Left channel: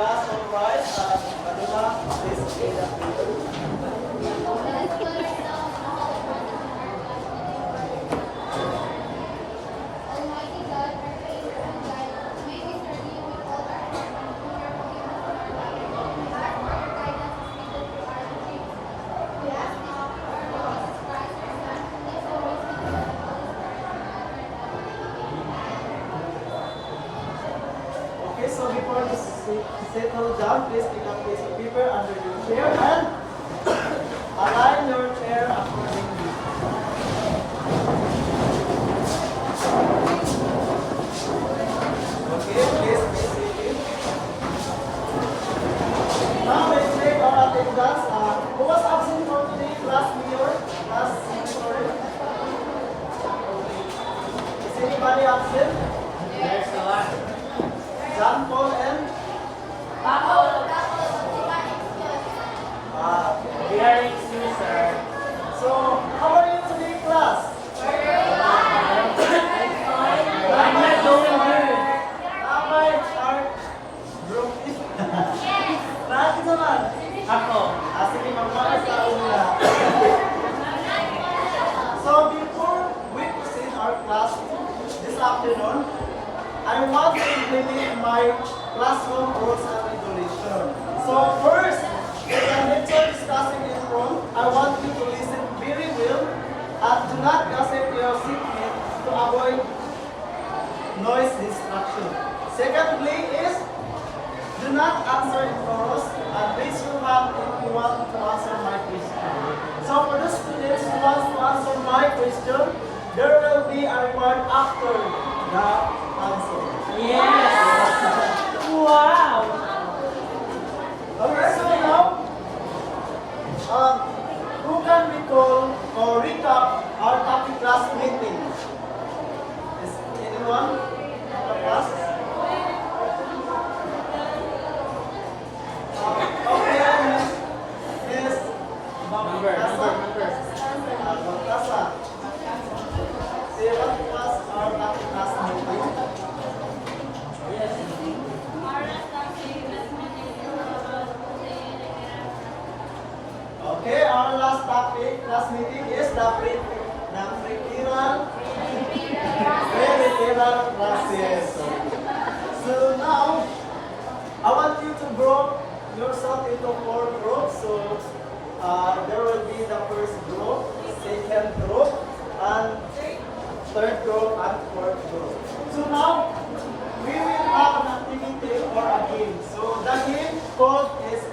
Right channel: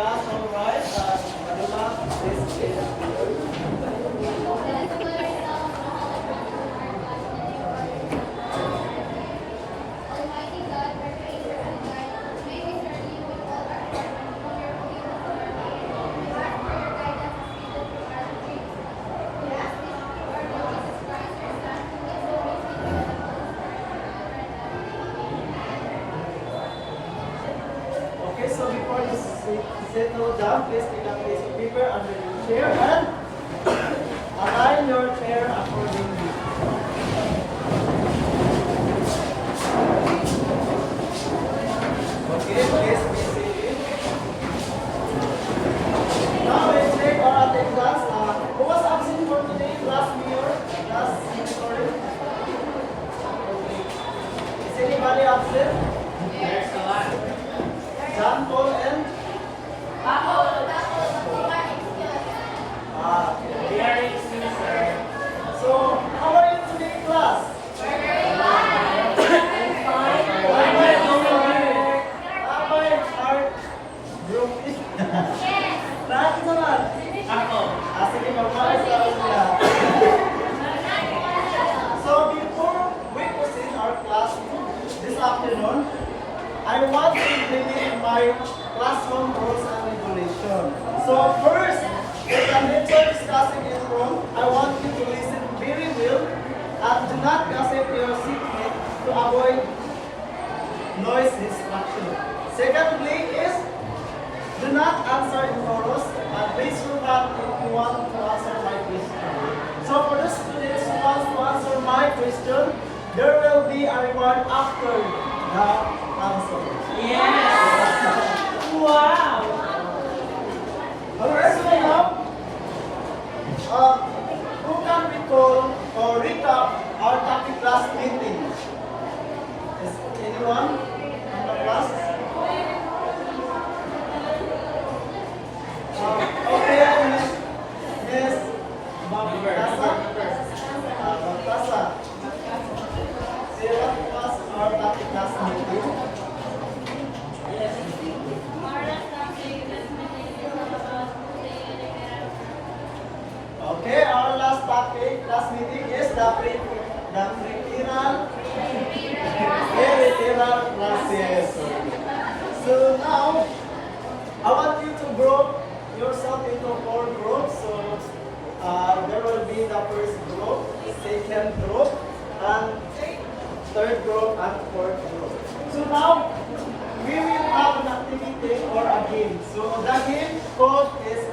class all right. Madula, please stay Almighty God, our Creator and guide, may we serve you with all our heart and know your holy word. We ask for your guidance as we go through our retreats. We ask this through our Lord Jesus Christ, your Son, who lives and reigns with you and the Holy Spirit, one God, forever. Okay, so before you settle down, please take a piece of paper under your chair and align your chair accordingly. Okay, please be seated. Now let's take our attendance. Who was absent for today? Class Mayor? Class Sorry? Is anybody absent? Next line. John Paul and? Very sir. So, how are you today, class? Bakit naman? Ako. Sige, mag-focus ka muna. So, before we proceed our class this afternoon, I want to implement my classroom rules and regulation. So, first, if the lecture is discussing in room, I want you to listen very well and do not gossip your seatmate to avoid noise distraction. Secondly is, do not answer in chorus and raise your hand if you want to answer my question. So for the students who want to answer my question, there will be a reward after the answer. Yes! Wow! Okay, so now, who can recall or recap our topic class meeting? Is anyone in the class? Okay, Miss Baltasa. Say what was our topic class meeting? Okay, our last topic class meeting is the peripheral classes. So now, I want you to group yourself into 4 groups. So there will be the first group, second group, and third group, and fourth group. So now, we will have an activity or a game. So the game called is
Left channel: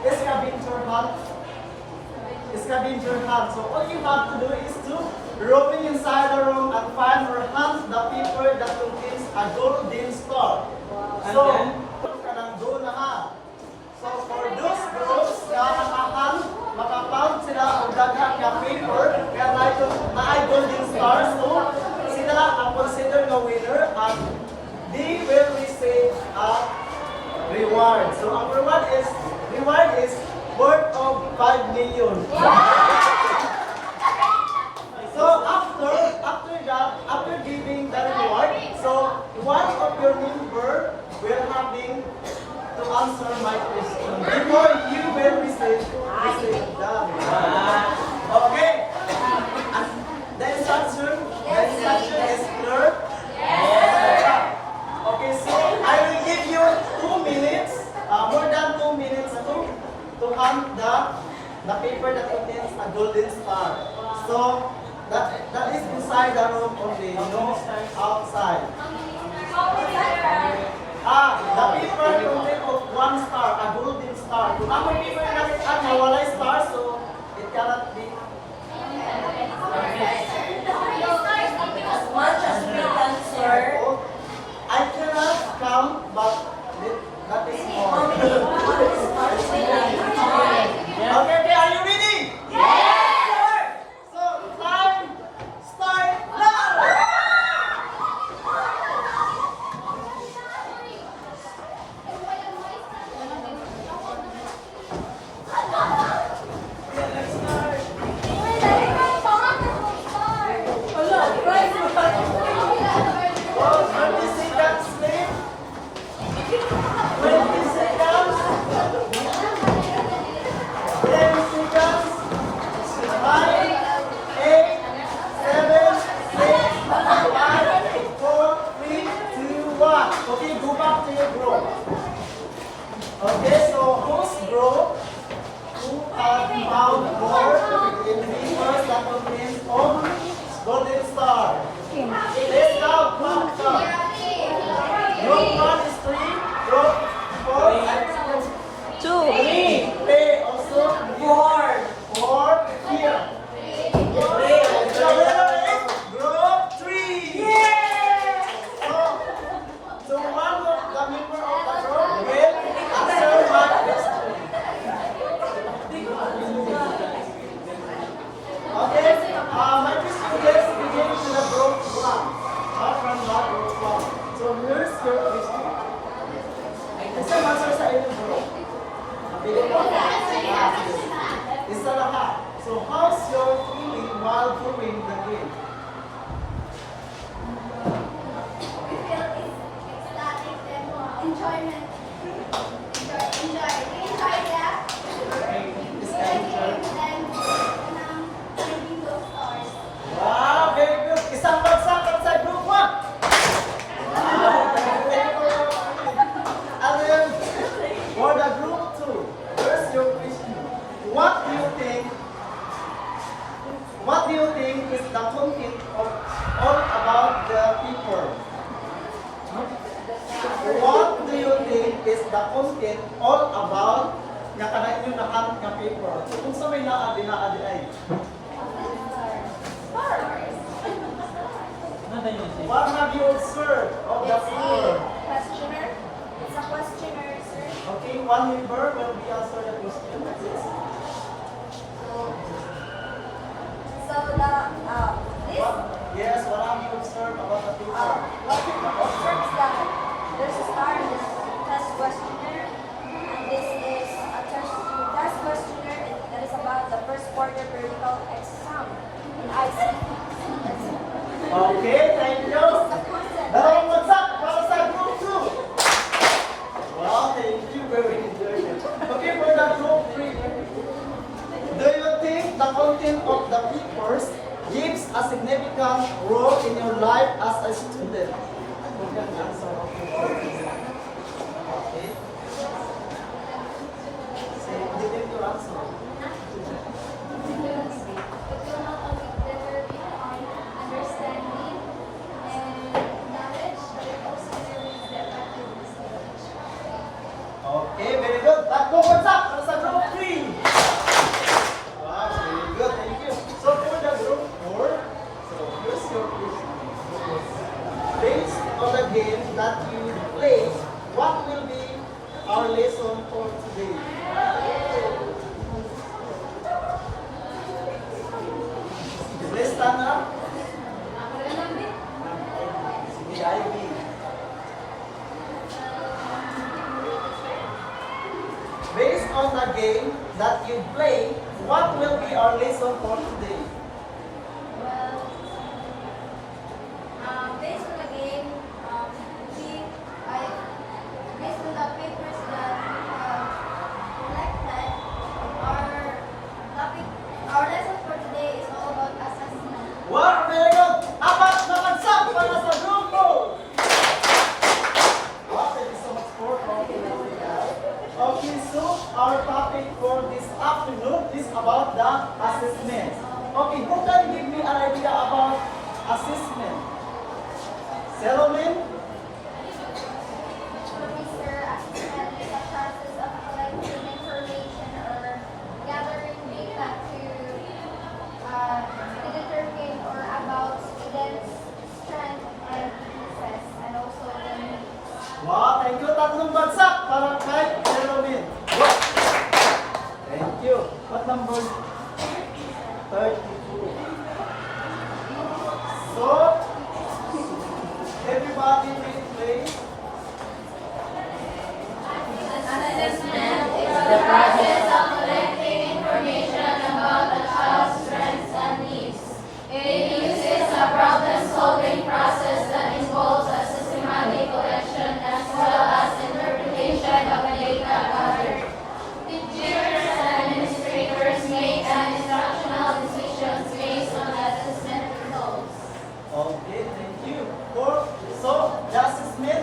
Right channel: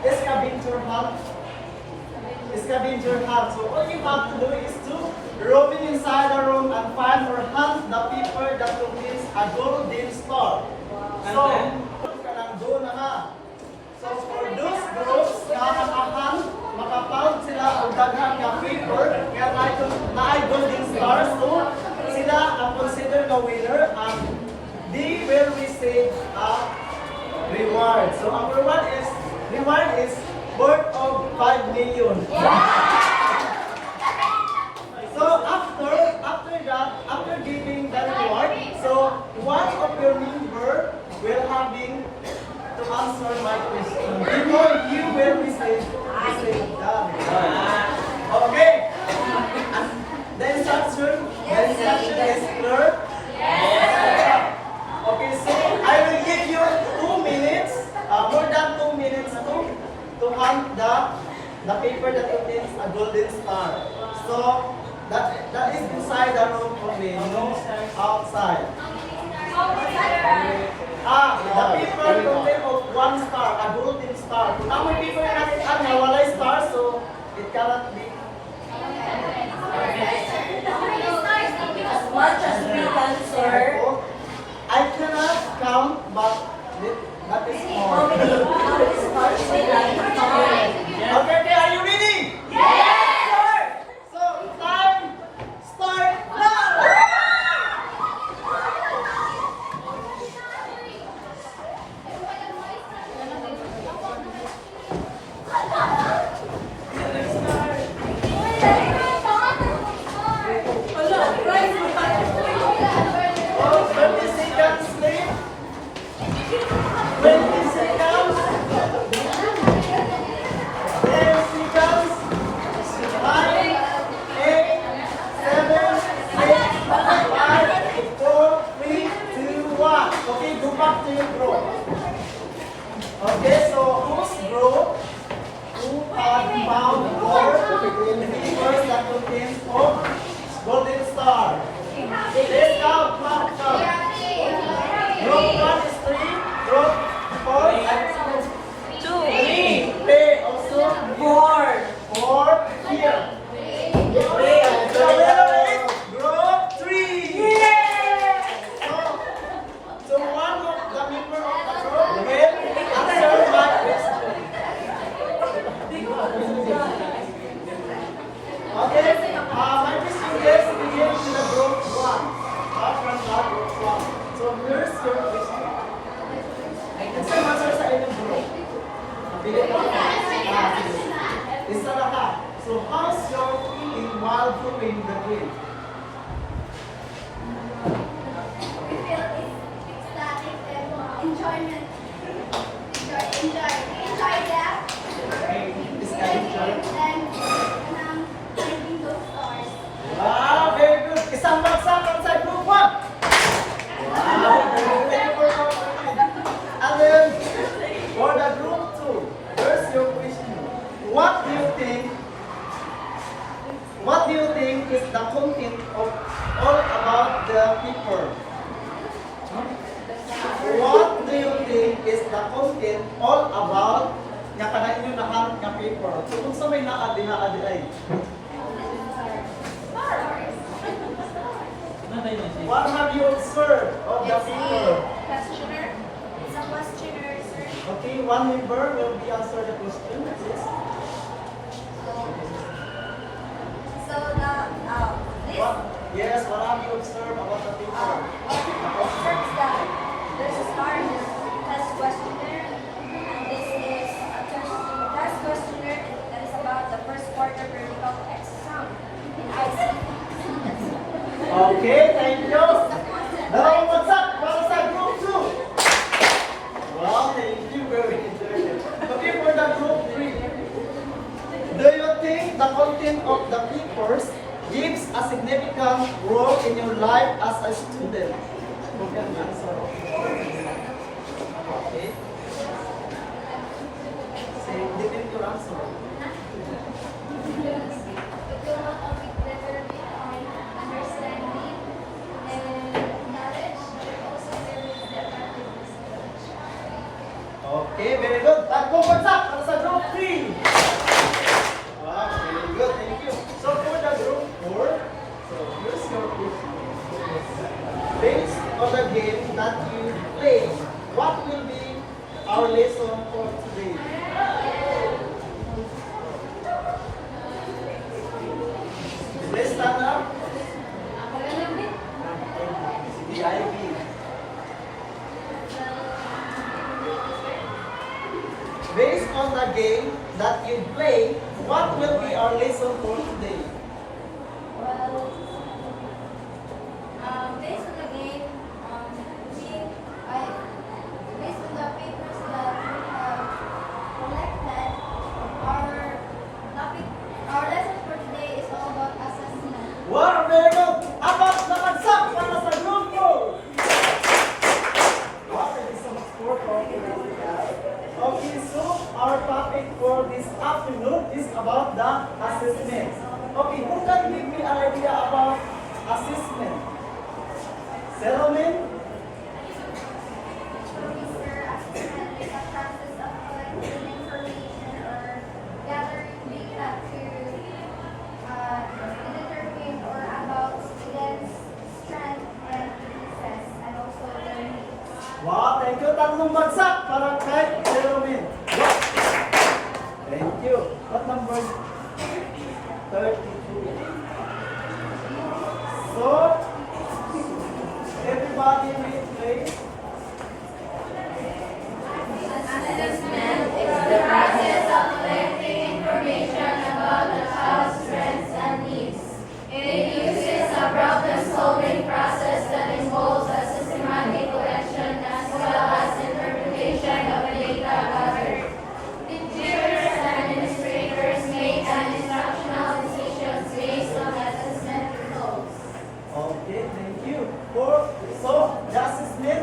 Scavenger Hunt. Scavenger Hunt. So all you have to do is to roaming inside the room and find or hunt the people that contains a golden star. So, doon na nga. So for those groups na makapound sila ang daghang nga paper, kaya na ay golden stars, so sila ang consider na winner and they will receive a reward. So ang reward is worth of 5 million. So after giving the reward, so one of your member will having to answer my question before you will receive the reward. Okay. The instruction is clear. Yes. Okay, so I will give you 2 minutes, more than 2 minutes to hunt the paper that contains a golden star. So that is inside the room only, no outside. The paper contains of 1 star, a golden star. Kung ang paper na nakita na walay star, so it cannot be. As much as we can share. I cannot count, but that is all. Okay, are you ready? Yes! So, time, start now! Oh, 20 seconds left. 20 seconds. back to your group. Okay, so whose group who have found gold in rivers that contains of golden star? Let's count, count. Group 1 is 3, group 4 is 2. 3. Play also 4 here. Group 3. So one of the member of the group will answer my question. Okay, my question is begin to the group 1. From the group 1. So here's your question. Isa answer sa inyong group. Nabili mo? Sige. Isa lahat. So how's your feeling while doing the game? Enjoyment. Enjoy that. Is that enjoy? And reading those stars. Wow, very good. Isang bagsak sa group 1. Wow, very good. And then, for the group 2, here's your question. What do you think is the content of all about the people? What do you think is the content all about nga kanang inyo nahanap nga paper? So kung sa may naadi ay. What have you observed of the paper? Questioner. It's a questionnaire, sir. Okay, one member will be answer the question. Please. So the this What? Yes, what have you observed about the paper? observes that there's a star in this test questionnaire, and this is a test questionnaire that is about the first quarter periodical exam. I see. Okay, thank you. Dalawang bagsak para sa group 2. Wow, thank you. Very good. Okay, for the group 3. Do you think the content of the papers gives a significant role in your life as a student? Okay, answer. Okay. Say, didn't you answer? Understanding and knowledge, but also there is the effectiveness of knowledge. Okay, very good. Tatlong bagsak para sa group 3. Wow, very good. Thank you. So for the group 4, so here's your question. Based on the game that you play, what will be our lesson for today? Let's stand up. CBIB. Based on the game that you play, what will be our lesson for today? Well, based on the game, Based on the papers that we have collected, our lesson for today is all about assessment. Wow, very good. Apat na bagsak para sa grupo. Wow, thank you so much for cooperating. Okay, so our topic for this afternoon is about the assessment. Okay, who can give me an idea about assessment? Settlement? Research, assessment is a process of collecting information or gathering data to determine or about students' strength and weaknesses, and also their needs. Wow, thank you. Tatlong bagsak para kay Settlement. Wow. Thank you. What number? 32. So, everybody read please. Okay, thank you. So, the assessment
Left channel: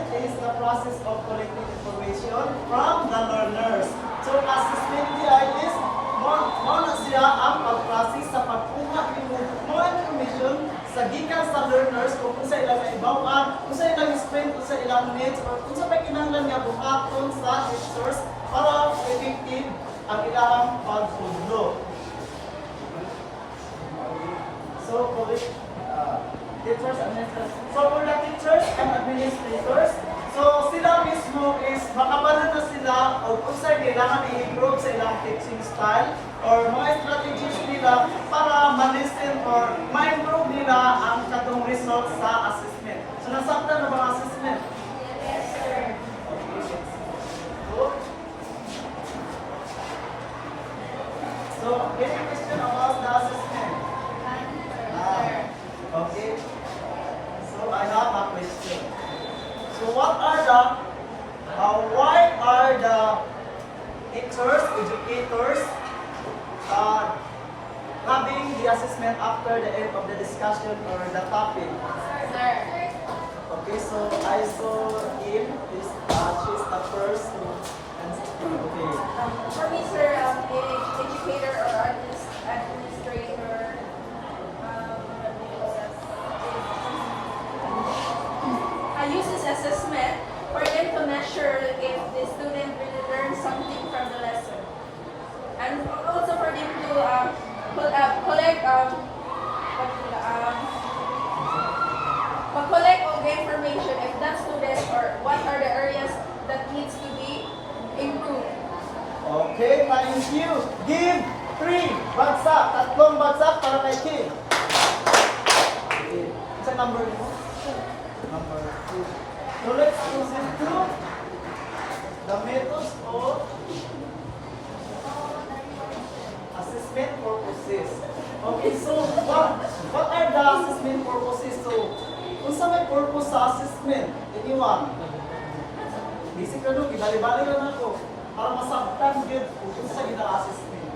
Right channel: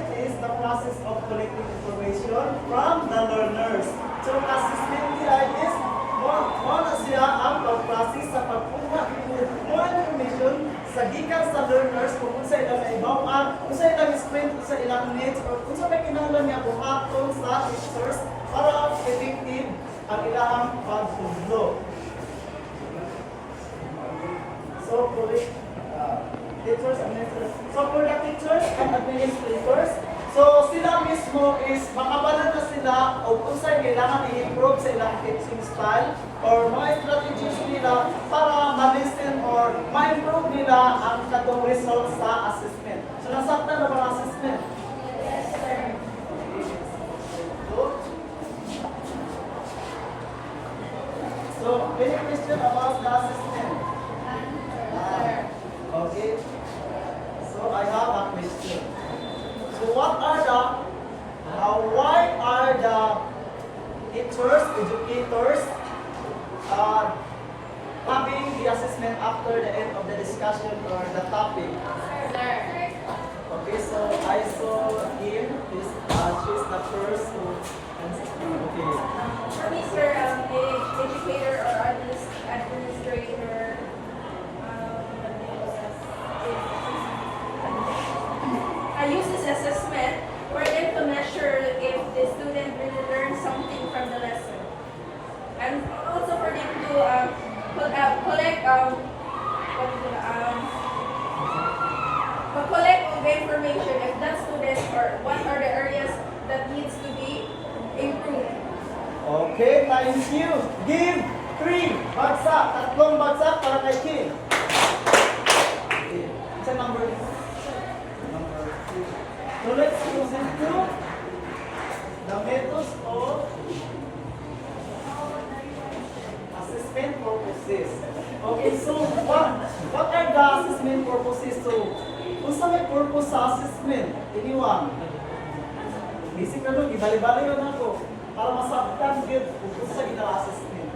collecting information from the learners. So, assessment niya is mo na siya ang pag-process sa pagkuha ng mga information sa gikan sa learners kung sa ilang kaibawan, kung sa ilang strength, kung sa ilang needs, or kung sa may kinahanglan nga buhaton sa teachers para effective ang ilang pagtudlo. So, for the teachers, so for the teachers and administrators, so sila mismo is makabalan na sila o kung saan kailangan i-improve sa ilang teaching style or mga strategies nila para ma-listen or ma-improve nila ang katong results sa assessment. So, nasaktan na ba ang assessment? Yes, sir. Okay, good. So, any question about the assessment? Okay. So I have a question. So why are the teachers, educators having the assessment after the end of the discussion or the topic? Okay, so I saw him. She's the first who answered. Okay. For me, sir, the educator or administrator, uses assessment for them to measure if the student really learned something from the lesson, and also for them to collect collect all the information if that student or what are the areas that needs to be improved. Okay, thank you. Give 3 bagsak, tatlong bagsak para kay Kim. Okay. Sa number 2. Number 2. So let's proceed to the methods of assessment purposes. Okay, so what are the assessment purposes? So, kung sa may purpose sa assessment, anyone? Basic na doon, ibali-bali na ako para masabtan yun kung sa gina-assessment.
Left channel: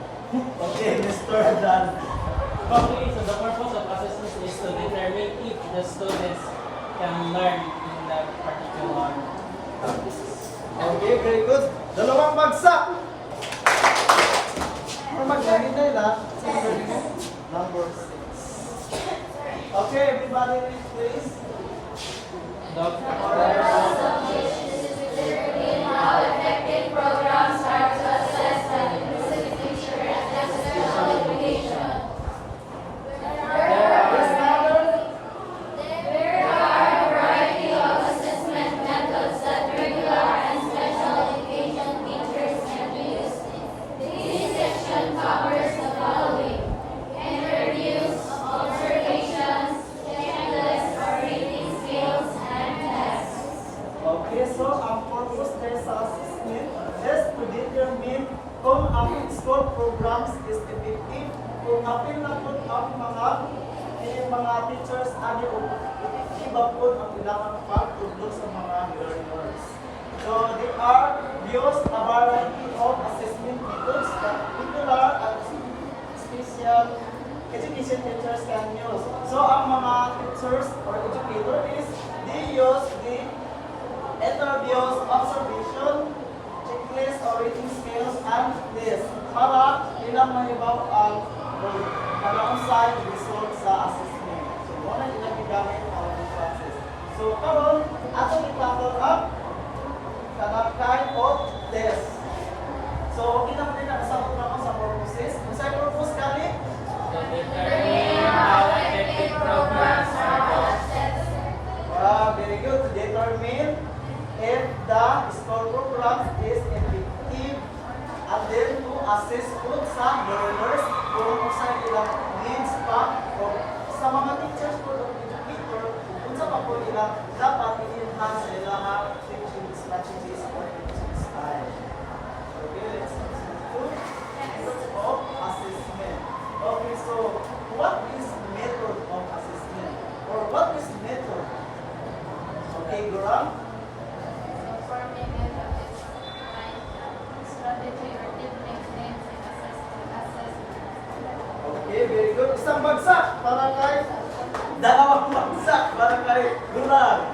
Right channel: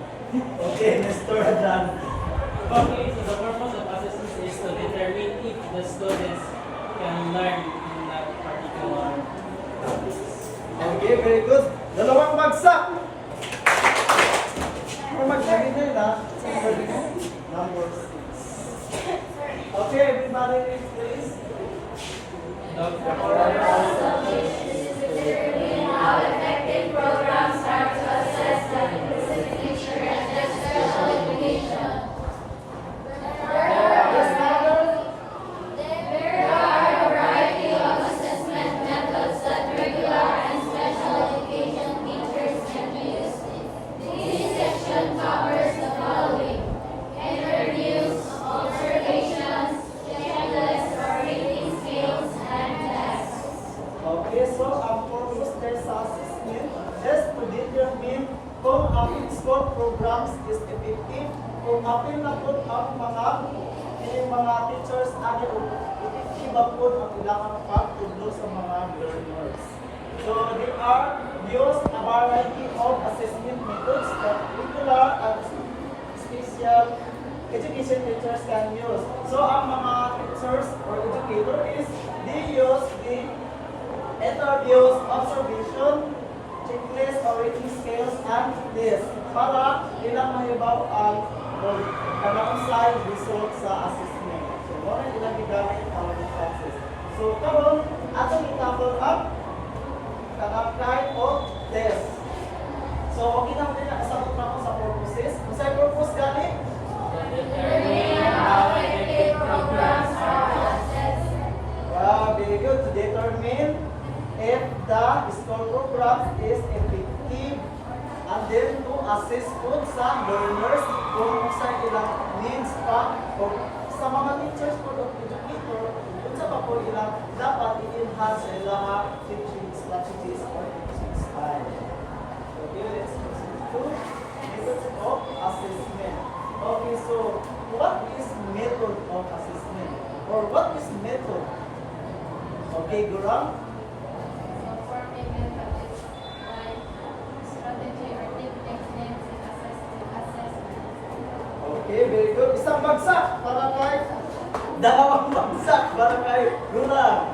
Okay, Mr. Dan. Okay, so the purpose of assessment is to determine if the students can learn in that particular topic. Okay, very good. Dalawang bagsak. Magdamit na nila. Number 6. Okay, everybody, please. How effective programs are to assess the inclusive teacher and the special education. There are a variety of assessment methods that regular and special education teachers can use. This section covers the following: interviews, observations, checklists, rating scales, and tests. Okay, so ang purpose their assessment is to determine kung ang school programs is effective, kung apil na po ang mga teachers ani effective po ang ilang pagtudlo sa mga learners. So there are used a variety of assessment methods that regular and special education teachers can use. So ang mga teachers or educator is they use the interviews, observation, checklist, or rating scales, and tests para ilang mahibaw ang kanausay result sa assessment. So, muna ilang gigamit ang mga process. So, karon atong i-cover up kanang kind of test. So, okay na din na nasabot na ko sa purposes. Kung sa'y purpose gani? To determine how effective programs are to assess. Wow, very good. To determine if the school program is effective, and then to assess po sa learners kung sa ilang needs pa o sa mga teachers po o educator kung sa pa po ilang dapat i-enhance sa ilang teaching strategies or teaching style. Okay, let's proceed to methods of assessment. Okay, so what is method of assessment or what is method? Okay, Gurang? Okay, very good. Isang bagsak para kay dalawang bagsak para kay Gurang.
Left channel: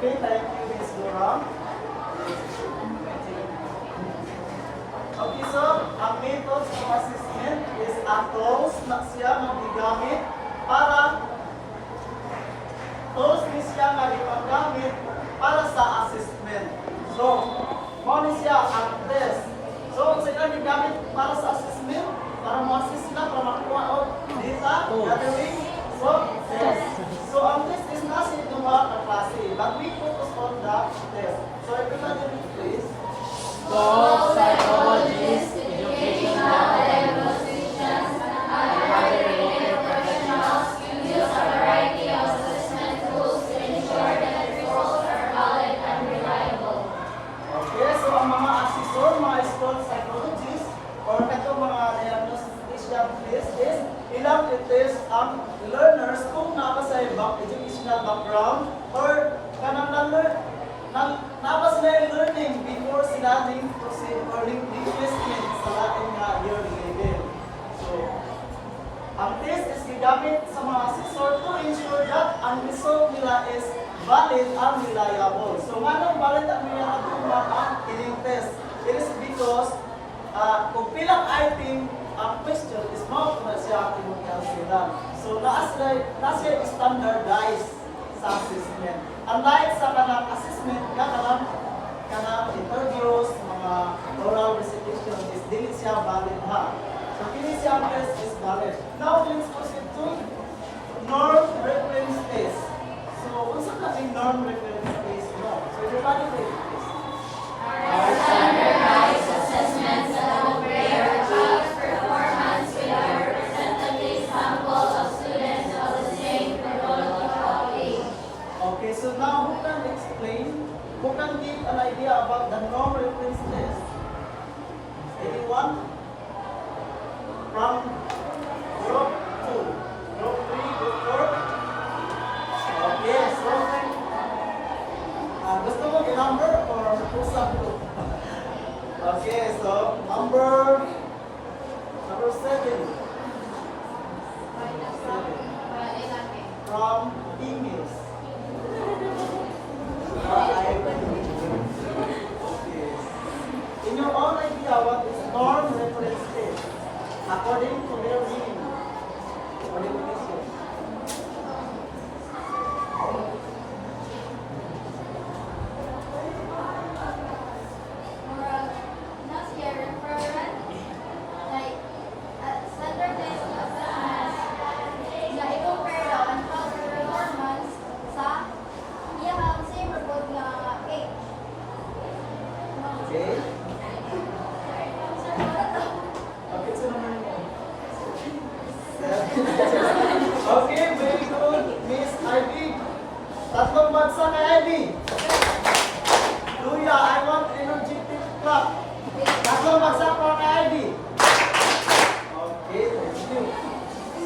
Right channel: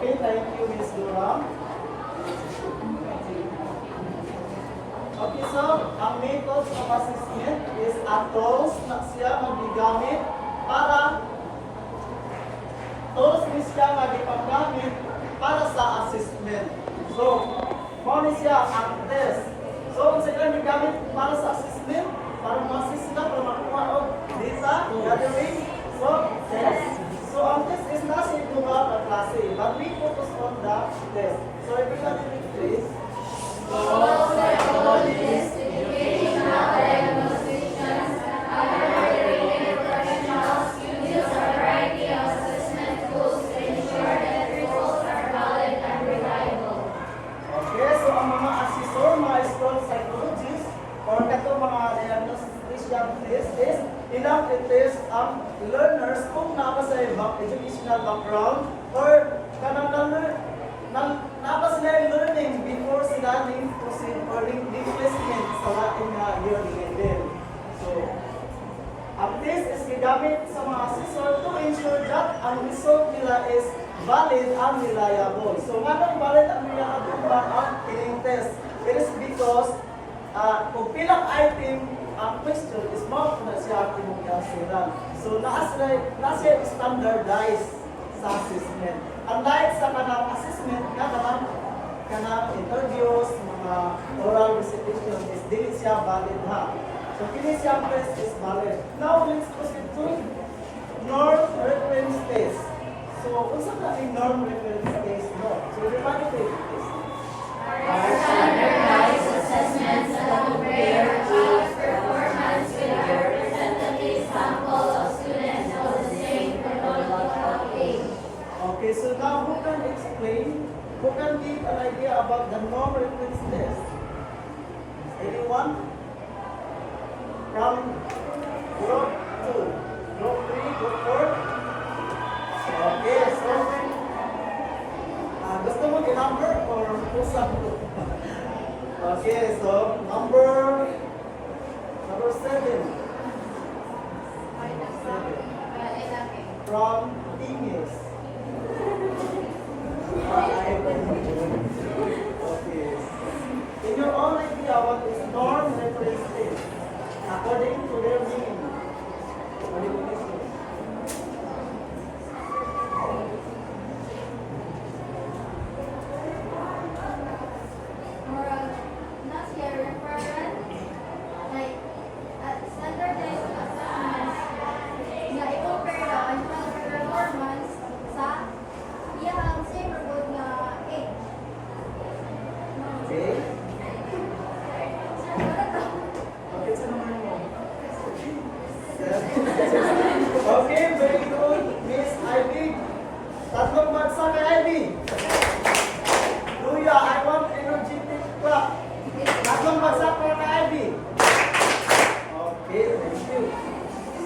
Okay, thank you, Ms. Dora. Okay, so ang methods of assessment is a tools na siya magigamit para tools ni siya magigamit para sa assessment. So, mo ni siya ang test. So, kung sila gigamit para sa assessment, para mo-assess na, para makuha og data, gathering, so, test. So, ang test is nasa duha ka klase, but we focus on the test. So, if you can read, please. All psychologists, educational diagnosticians, and other related professionals use a variety of assessment tools to ensure that results are valid and reliable. Okay, so ang mga assessor, mga school psychologists, or kato mga diagnostician is ilang i-test ang learners kung napa sa educational background or kanang napa sila yung learning before sila ning proceed or ning placement sa lating year level. So, ang test is gigamit sa mga assessor to ensure that ang result nila is valid and reliable. So, nga valid and reliable ang ining test? It is because kung pilang item ang question is mo na siya ang answeran. So, naas siya standardized sa assessment. Unlike sa kanang assessment, kanang interviews, mga oral recitation is dili siya valid ha. So, kini siya test is valid. Now, let's proceed to norm reference test. So, unsa ka ang norm reference test mo? So, everybody take this. Are standardized assessments that compare a child's performance with a representative sample of students of the same chronological age. Okay, so now who can explain, who can give an idea about the norm reference test? Anyone? From group 2, group 3, group 4? Okay, so gusto mo number or usap ko? Okay, so number 7. From English. Okay. In your own idea, what is norm reference test? According to their meaning. Or definition. Not here, reference, like standardized assessments na i-compare daw ang child's performance sa iyang same report nga age. Okay. Okay, so naman mo. Okay, very good. Miss Ivy. Tatlong bansa kay Ivy. Luya, I want energetic clap. Tatlong bansa para kay Ivy. Okay, thank you.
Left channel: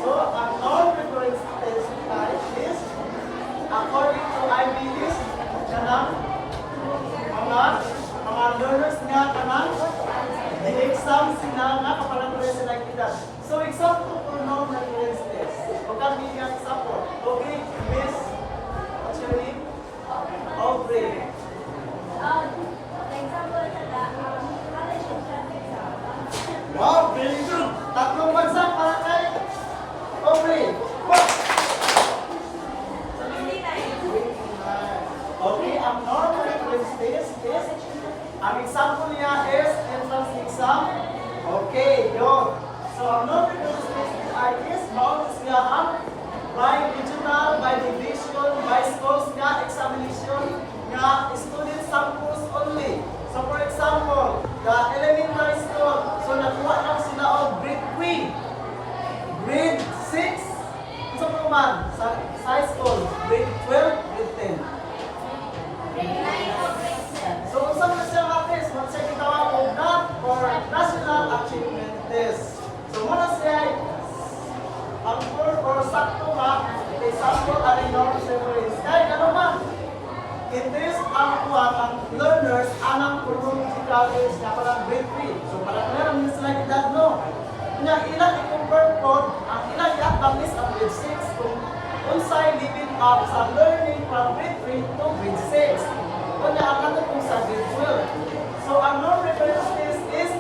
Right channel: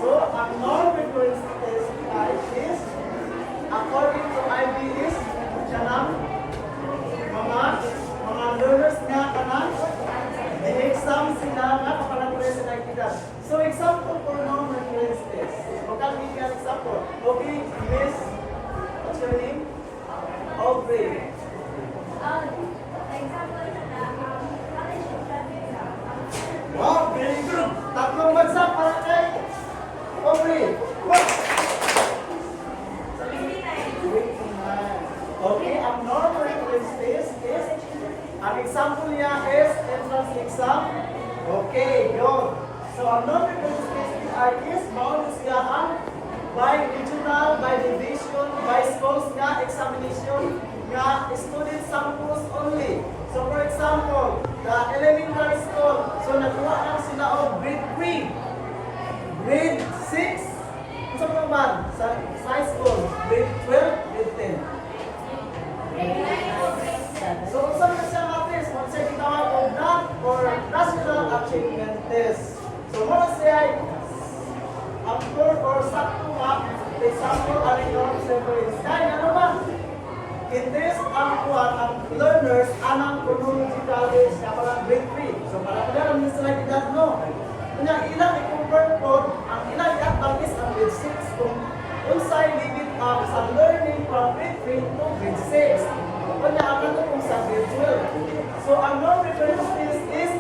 So, ang norm reference test type is, according to Ivy is, kanang mga learners nga kanang exam sila nga kapalatuloy sila kita. So, example for norm reference test. Okay, give me an example. Okay, Miss, what's your name? Aubrey. Example na college entrance exam. Wow, very good. Tatlong bansa para kay Aubrey. Okay, ang normal reference test is, ang example niya is entrance exam. Okay, good. So, ang normal reference test is, bawal siya ang by regional, by division, by schools nga examination nga student samples only. So, for example, the elementary school, so nakuha lang sila of grade 3, grade 6, sa naman, sa high school, grade 12, grade 10. So, unsa man siya nga test? What siya gitawag og NAT or National Achievement Test. So, muna siya ang core or sakto nga example ang norm reference. Kaya ano ba? In this, ang learners anang chronological age nga pala grade 3. So, para kaya ang slide edad no. Nga ilang i-compare po, ang ilang i-acknowledge ang grade 6 kung unsay living up sa learning from grade 3 to grade 6. Kanya ang katong sa grade 12. So ang non-reference test is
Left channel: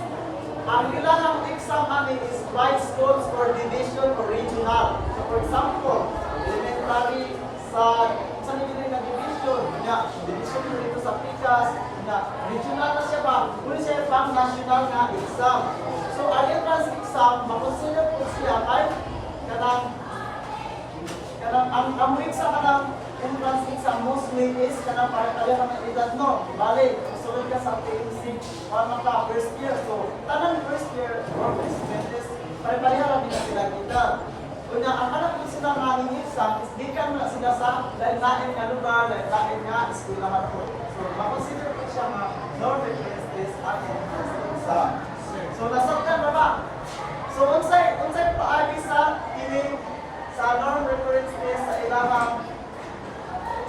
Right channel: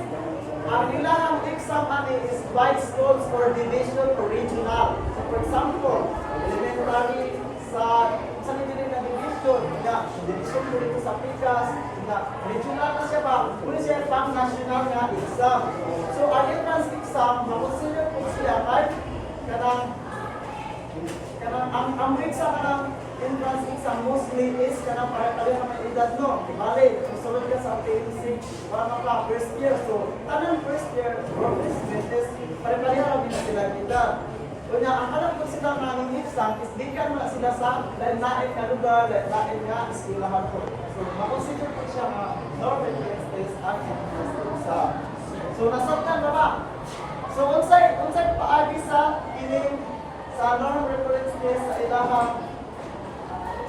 ang ilang exam ani is by schools or division or regional. So for example, elementary sa nila na division, nga division ko dito sa Picas, nga regional na siya ba? Kung siya pang national nga exam. So ang entrance exam, makonsider po siya kay kanang ang exam kanang entrance exam mostly is kanang para naman edad no. Bali, susunod ka sa TMC para ka first year. So tanang first year or first semester pare-pareha din sila edad. Kunya ang anak ko sila nga ng exam is di ka na sila sa lain-lain nga lugar, lain-lain nga eskwelahan po. So makonsider po siya nga non-reference test at entrance exam. So nasabtan na ba? So unsay paagi sa ining sa non-reference test sa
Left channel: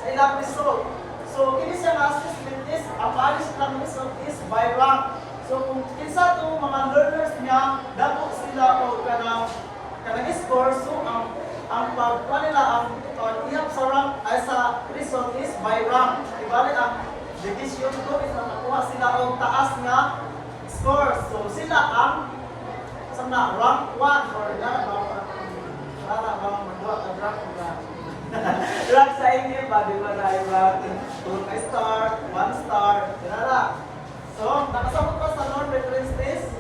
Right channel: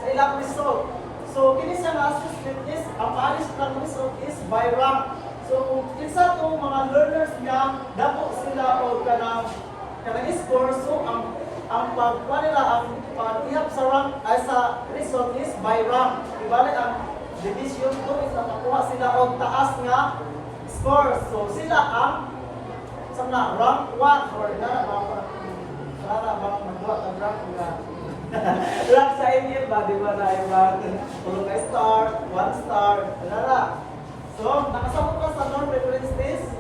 ilang result. So kini siya nga assessment is ang paagi silang result is by rank. So kung kinsa tong mga learners niya dako sila o kanang score, so ang pagkuha nila ang pag-ihap sa rank ay sa result is by rank. Ibalik ang division 2 is nakuha sila og taas nga score. So sila ang sana rank 1 or para bang magbuhat ang rank nga rank sa inyo ba di ba na yung tulong na star, 1 star, dinara. So nakasabot ka sa non-reference test.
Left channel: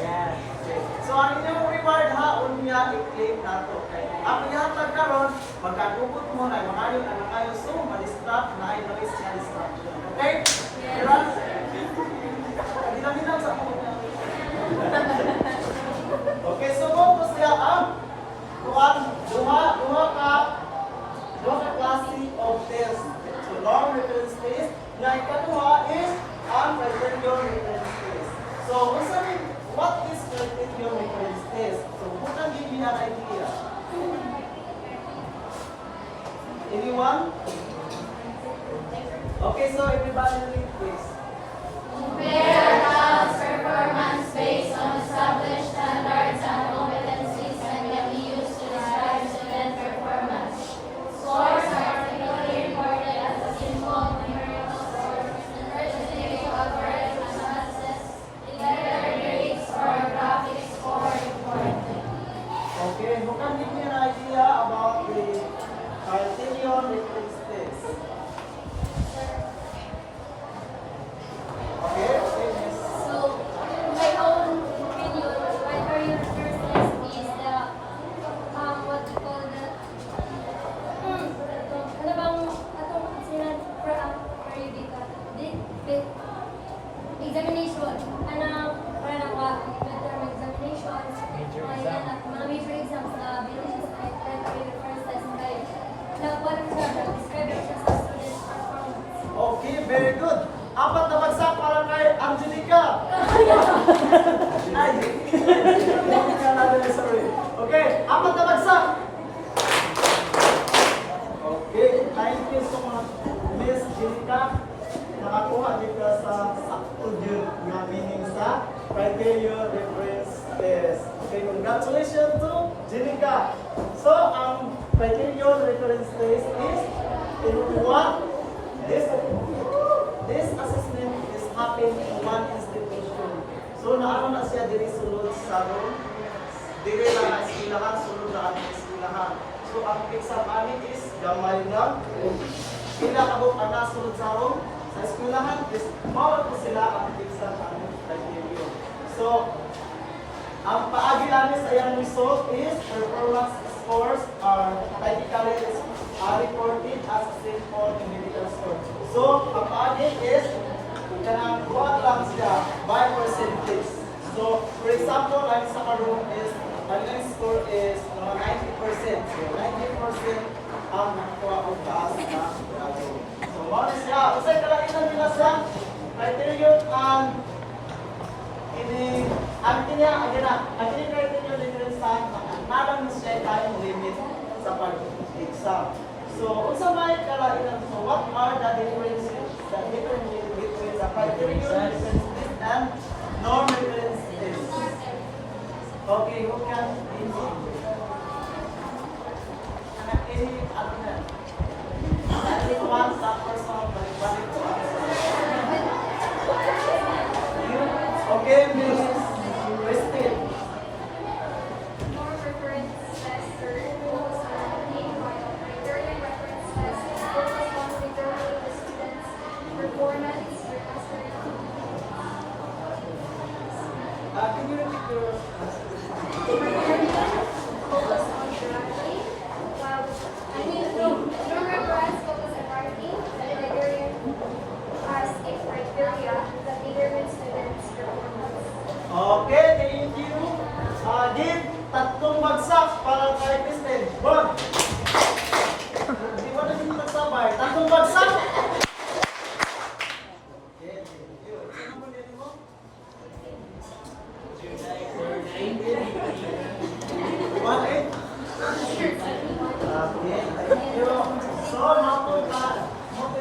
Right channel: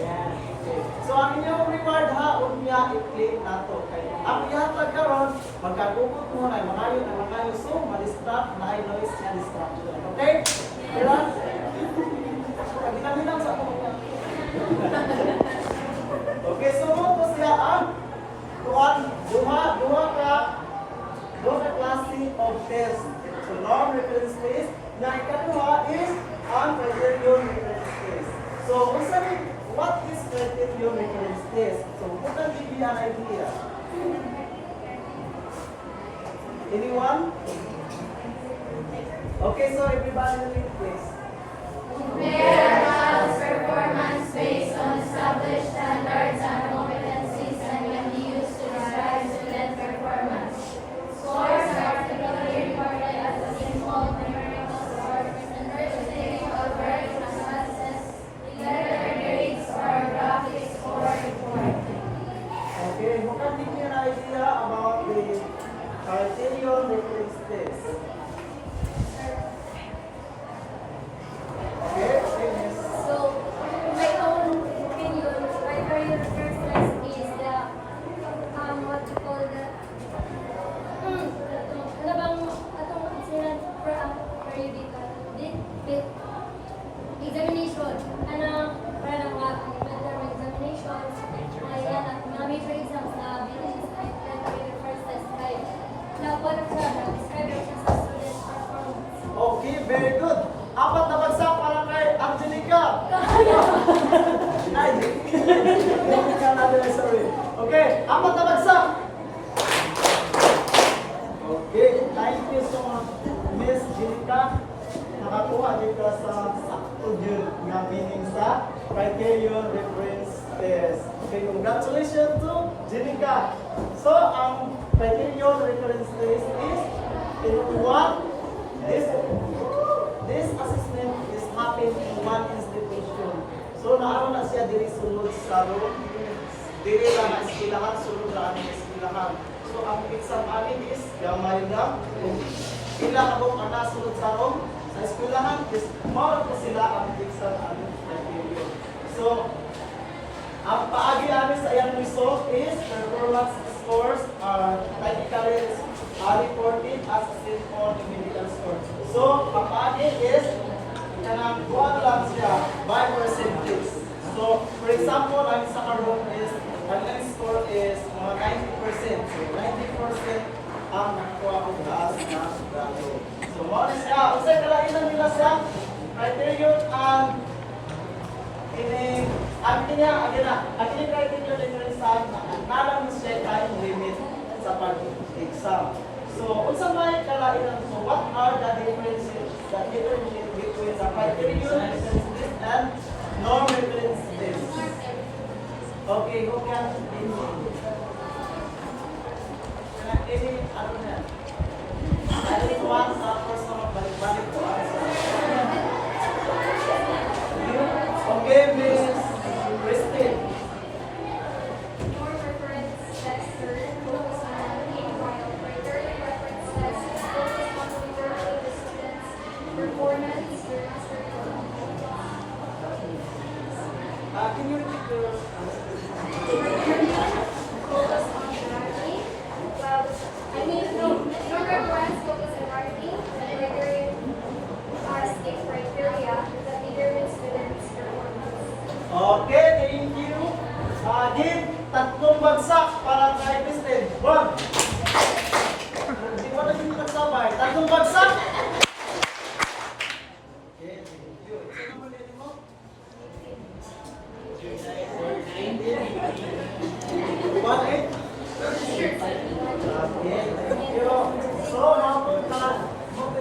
Yan. Okay. So ang inyong reward ha, unya i-click na to. Okay. Ang ihatag karon, magkagubot mo na mangayon ang mangayon, so ma-distract na ay noise na distraction. Okay? Kaya, kabilang-bilang sa ako. Okay, so mo po siya ang duha ka klase of test. So non-reference test, na ikaduha is ang criterion reference test. So, what is criterion reference test? So, put and give me an idea. Anyone? Okay, so everybody read this. Compare house performance based on established standards and competencies and can be used to describe student performance. Scores are typically reported as a simple numerical score, representing algorithm analysis, letter grades, or graphic score report. Okay, who can give me an idea about the criterion reference test? Okay, yes. So, in my own opinion, my career first test is the, what you call that? Ano bang, atong sinan periodical? Examination. Anong, para na ka, midterm examinations. Ayan, at mga major exams na bilis ay career first test kayo. Na, what siya, describe siya sa student performance. Okay, very good. Apat na bagsak para kay Angelica. Ay, Angelica na sorry. Okay, apat na bagsak. Okay, thank you so much, Miss Angelica. Nakakuha dito sa sakto yun nga meaning sa criterion reference test. Okay, congratulations to Angelica. So, ang criterion reference test is in one, this assessment is happening in one institution. So, naano na siya diri sulod sa room. Diri lang ang eskwelahan, sulod na ang eskwelahan. So, ang exam amin is gamay na. Sila kabong ana sulod sa room. Sa eskwelahan is mawala po sila ang exam amin criteria. So, ang paagi namin sa iyang result is performance scores are typically reported as a simple numerical score. So, ang paagi is kanang buwan lang siya by percentage. So, for example, ang sa karoon is ang score is mga 90%. So, 90% ang nakuha ko taas na grado. So, mga siya, usay kalainan nila sa criterion ang ang criterion difference time nalang mo siya time limit sa pag-exam. So, unsa man kalainan, so what are the differences between the criterion difference test and non-reference test? Okay, who can any other?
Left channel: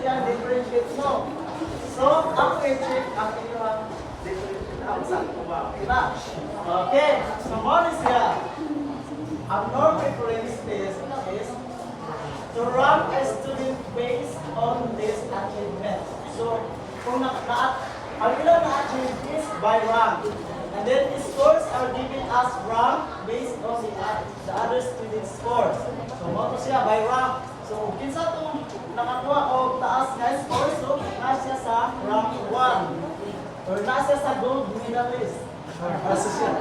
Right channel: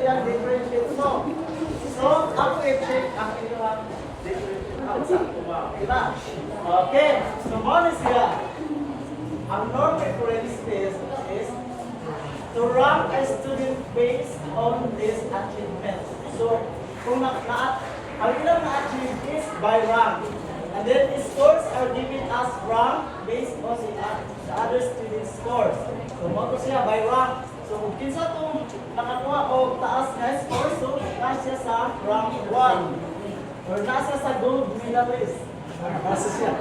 iyang differentiate mo. So, ako i-check ang iyang differentiate na sa kuha. Diba? Okay. So, mo siya. Ang norm reference test is to rank a student based on this achievement. So, kung ang ilang na-achieve is by rank. And then the scores are given as rank based on the other student's scores. So, mo siya by rank. So, kung kinsa itong nakakuha o taas na score, so, nasa sa rank 1. Or nasa sa gold medalist. Nasa siya.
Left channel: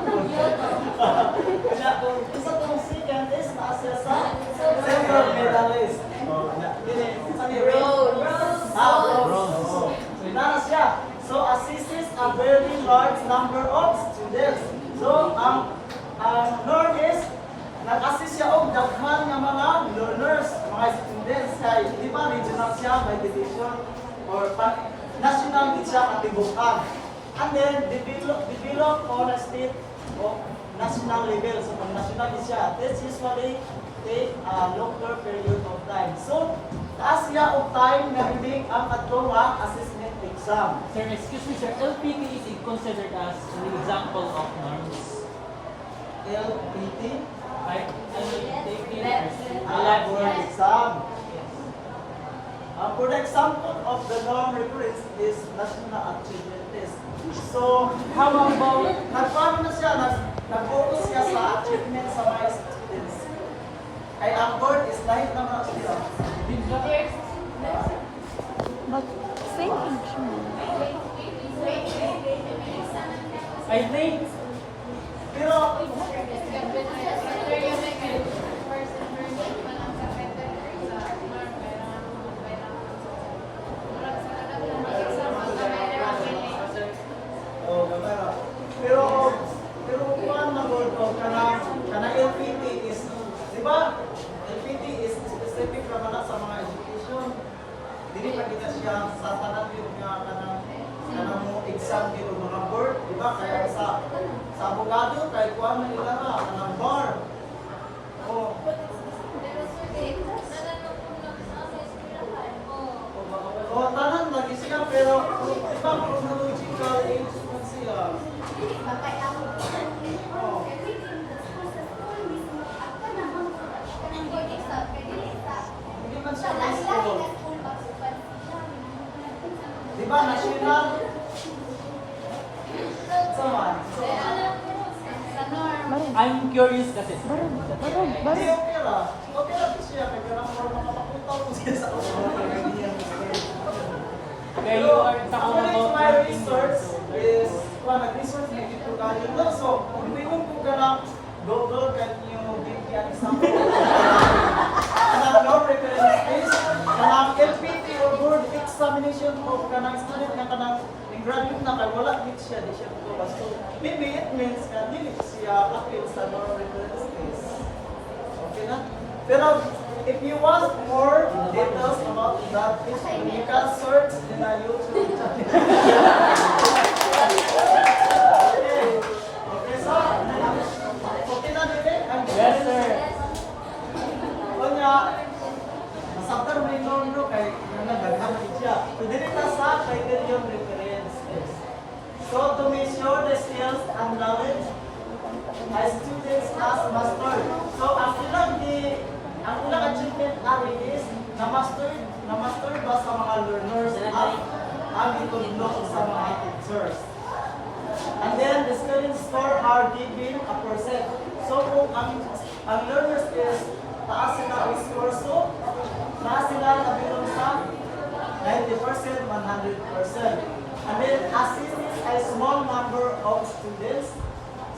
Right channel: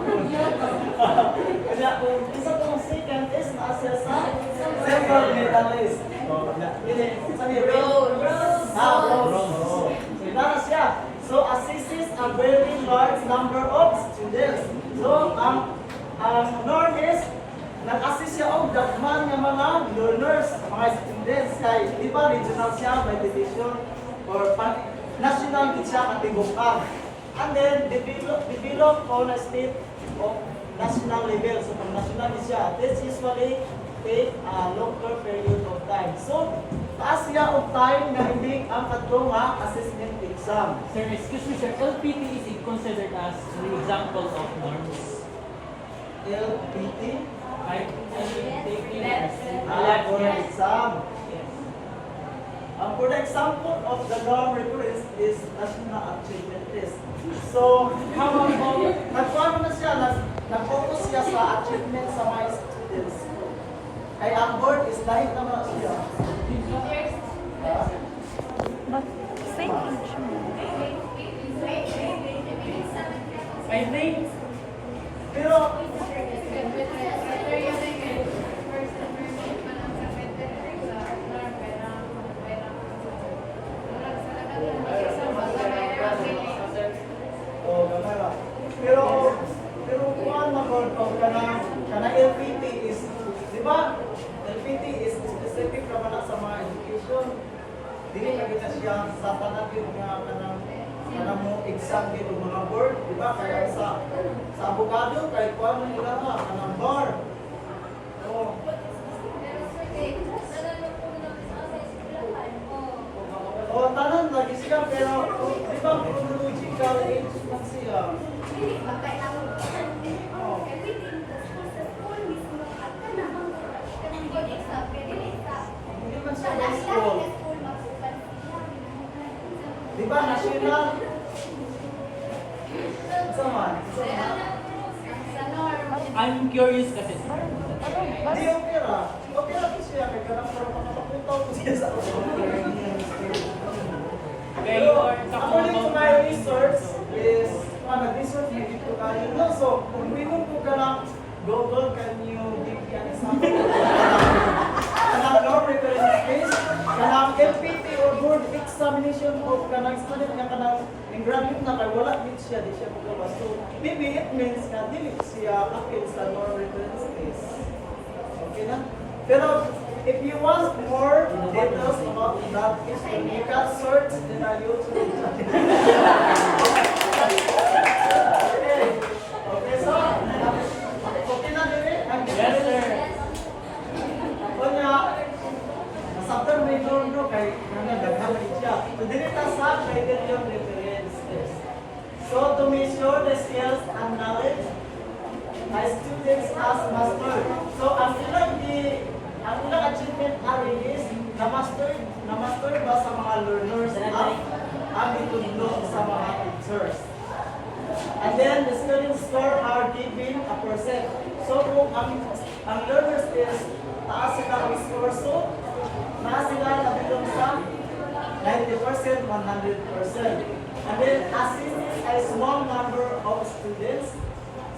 Kaya kung kinsa itong second is nasa sa silver medalist. Ini, sabi, bronze. Bronze. So, nasa siya. So, assists a very large number of students. So, ang norm is nag-assist siya og daghan nga mga learners, mga students kay di ba regional siya by division or national siya katibukan. And then develop on a state of national level. So kung national siya, this usually take a longer period of time. So taas siya og time nga ibig ang kadtong assessment exam. Sir, excuse me, sir. LPT is considered as the example of norms. LPT I take it as for exam. For the example of the norm reference is national achievement test. So, How about nag-plan na siya, nag-focus siya sa achievement sa mga students. Kaya ang board is live naman siya. I think Pero, oh, mamara. Pero kung ang board ko, kana LPT is, di ba? LPT is specific naman sa mga education. Dili pa kita siya sa tanan yung kanang mo exam dito mga board, di ba? Kaya sa abogado, kahit kuha na nila na, kanang bar. Oh. Oh, tanan lagi siya, pero di ba chronological age man siya? Oh. Hindi man siya high school. Di ba, national? Sama. I'm curious kasi, sir. Hindi, okay ra. Okay ra siya, kaya karang makapapuntaw ko siya sa Okay, Pero, you are according to my talking research, is, nag-research na dito kayo. No, so, kung minum ko ka ng Google, can you give me an example? Kanang norm reference space, kanang LPT or board examination of kanang student na kanang graduate na kay wala din siya, di siya magkawas. So, maybe it means na dili siya appeal sa norm reference space. Okay na? Pero, if you want more details about that issue, you can search in our YouTube channel. Okay. Okay, so, okay na nila? Yes, sir. Kanya, nasabtan may norm no, kay nagdaghan din siya. So, dili ta sa criterion reference test. So, to measure the skills and knowledge, my students has mastered. So, ang ilang achievement natin is na-master ba sa mga learners ang itulong sa mga teachers. And then the students score are given a percent. So kung ang learners is taas sila ang score, so taas sila nabilong sa 90%, 100%. And then assist a small number of students.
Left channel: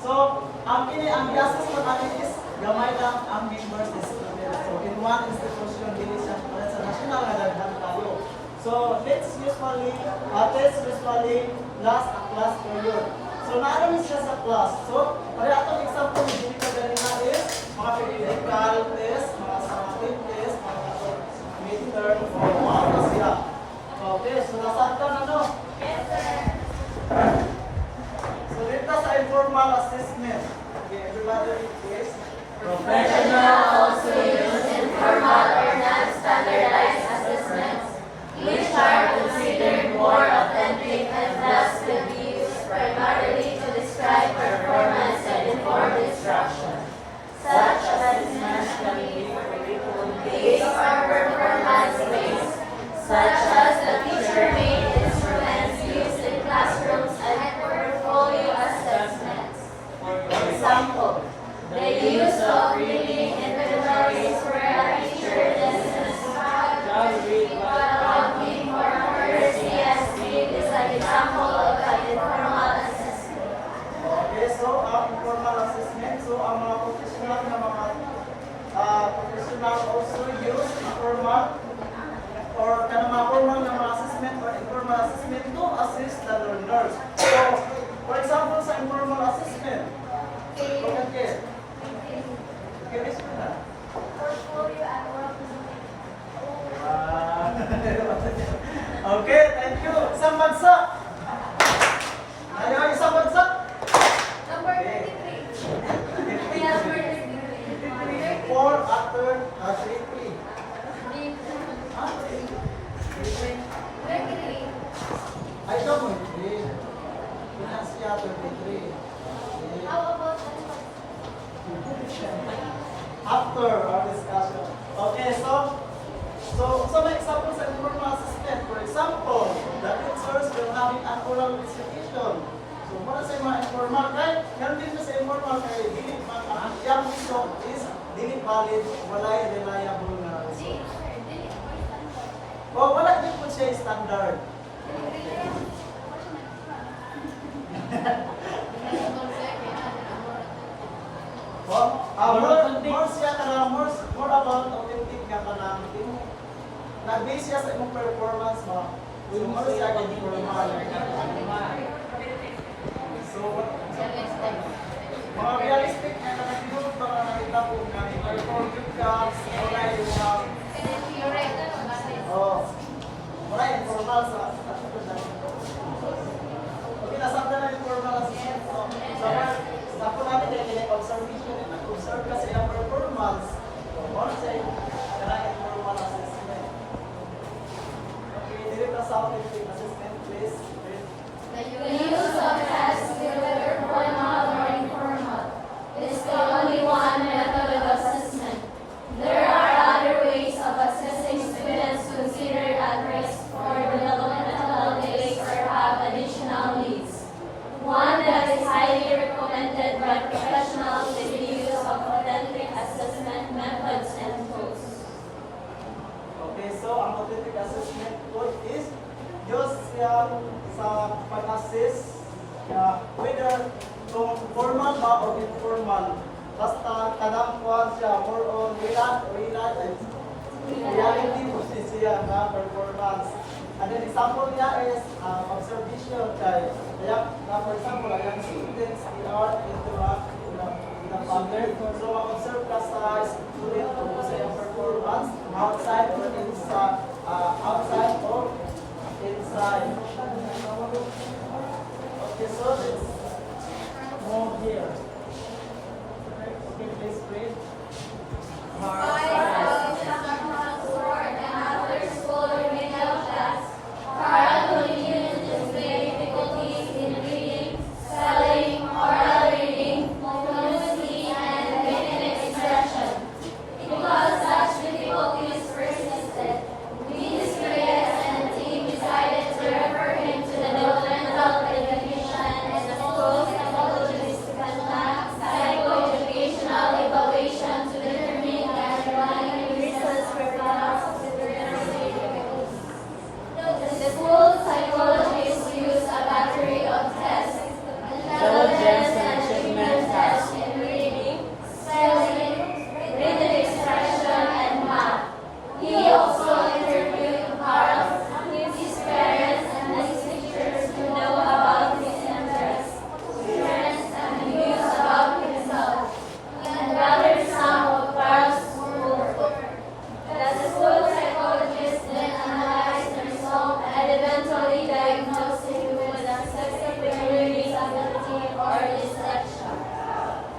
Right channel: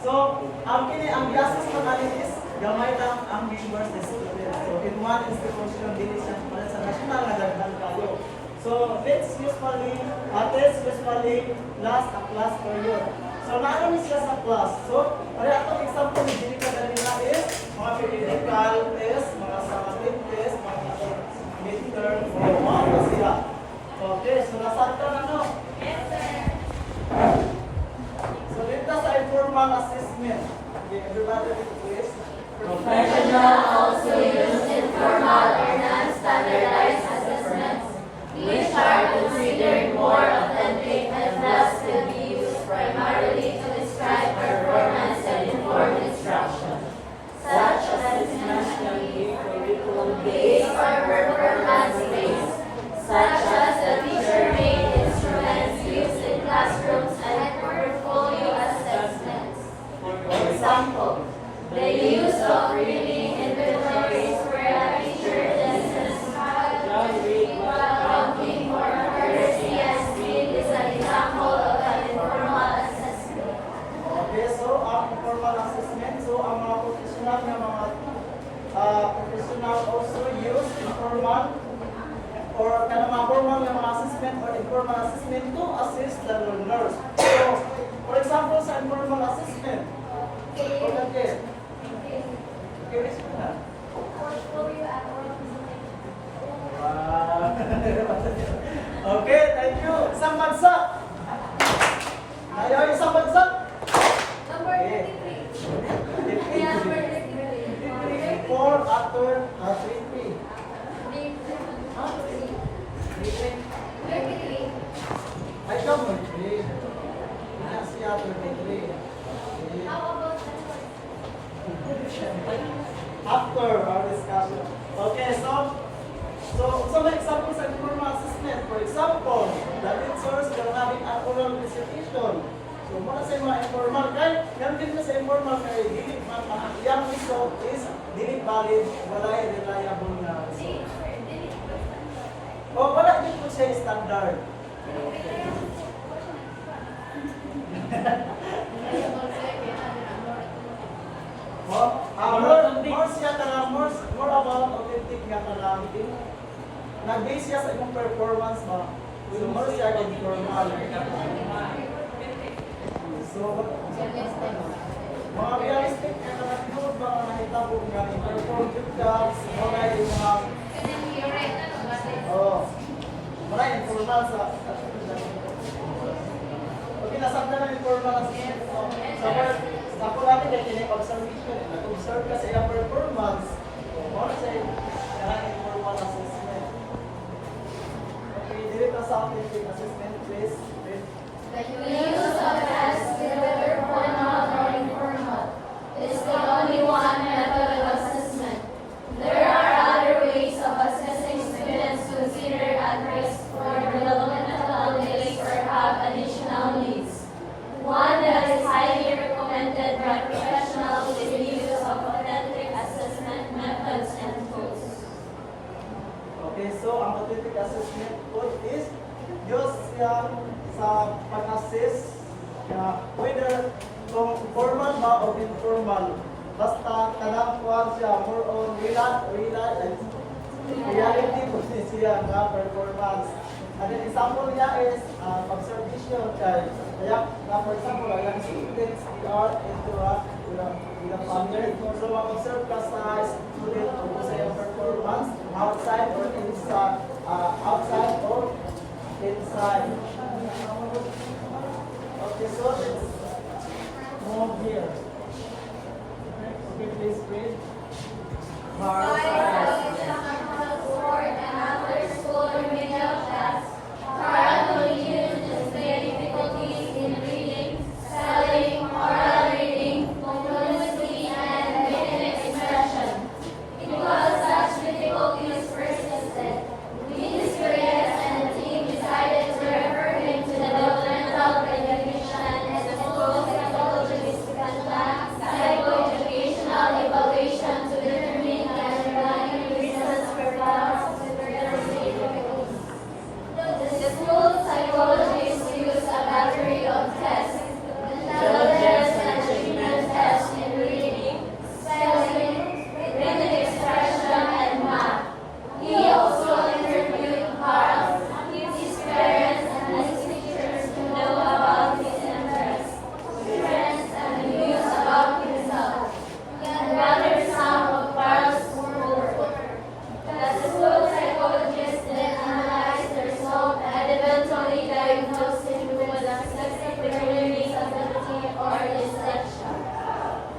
So ang gases na natin is gamay lang ang members ng students. So in one institution, dili sa national na daghan kayo. So let's usually last a class per year. So naroon siya sa class. So para atong example ni dili ka ganina is mga physical test, mga scientific test, mga midterm o mga siya. Okay, so nasaktan ano? Yes, sir. So dito sa informal assessment. Okay, everybody is Professional also use informal or non-standardized assessments. Which such as the teacher-made instruments used in classrooms and portfolio assessments. For example, The use of reading inventories where a teacher listens Shall read while what counting for accuracy and speed is an example of an informal assessment. okay, so ang formal assessment, so ang mga professional na mga professional also use informal or kanang mga formal na mga assessment or informal assessment to assist the learners. So, for example, sa informal assessment, okay, curious ko na. Portfolio and work Okay, thank you. Isang bagsak. Ayaw, isang bagsak. Number Okay. 23. 4 after 3. Ah, 3. 33. Ay, ito mo. 3. Siya 33. How about After our discussion. Okay, so may example sa informal assessment. For example, the teachers will having an oral recitation. So, muna sa mga informal, right? Yan din sa informal kay dili yung result is dili valid, walay reliable na result. O, wala din po siya standard. More about authentic nga kanang din. Nag-base siya sa imong performance mo. So, more siya kay formal. So, mga realistic na kanang para nakita po nga ni perform good jobs, wala yung mga wala yung formal sa pinasan na yung formal assessment. So, sa po natin dahil kinag-observation, nag-observe ka sa ilang performance, more siya yung formal assessment. Okay, dito sa authentic assessment, please. The use of tests, whether formal or informal, is the only one method of assessment. There are other ways of assessing students considered at risk for developmental delays or have additional needs. One that is highly recommended by professionals is the use of authentic assessment methods and tools. Okay, so ang authentic assessment tool is use siya sa pag-assess whether kung formal ba o informal. Basta kanang kuhan siya more on reality po siya nga performance. And then example niya is observation kay kaya for example ang students they are into a pattern. So mag-observe ka sa student kung sa iyang performance outside or inside outside or inside. Okay, so let's move here. Okay, please read.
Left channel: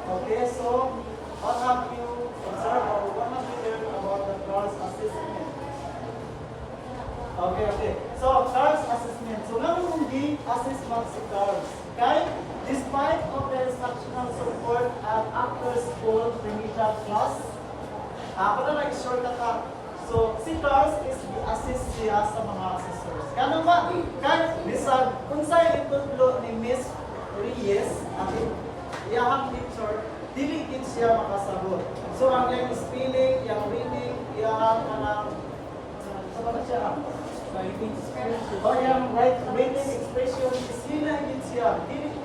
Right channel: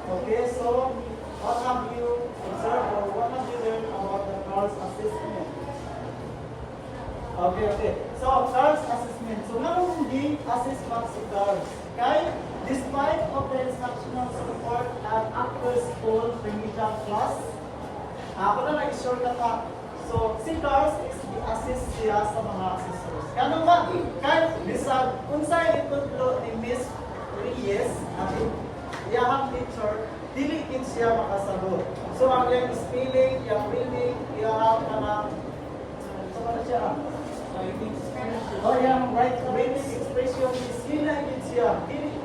Okay, so what have you observed or what have you learned about the CARS assessment? Okay. So, CARS assessment. So, hindi assessment si CARS. Okay? Despite of the instructional support at after school remedial class, ako na nag-short ka. So, 6 si Carlos is assist siya sa mga assessors. Kano ba? Kaya bisag kung sa itutlo ni Miss Reyes at iyahang teacher, dili gid siya makasagot. So ang yung spelling, yung reading, iyahang kanang sa mga siya. O yung right reading expression, skill na gid siya. Dili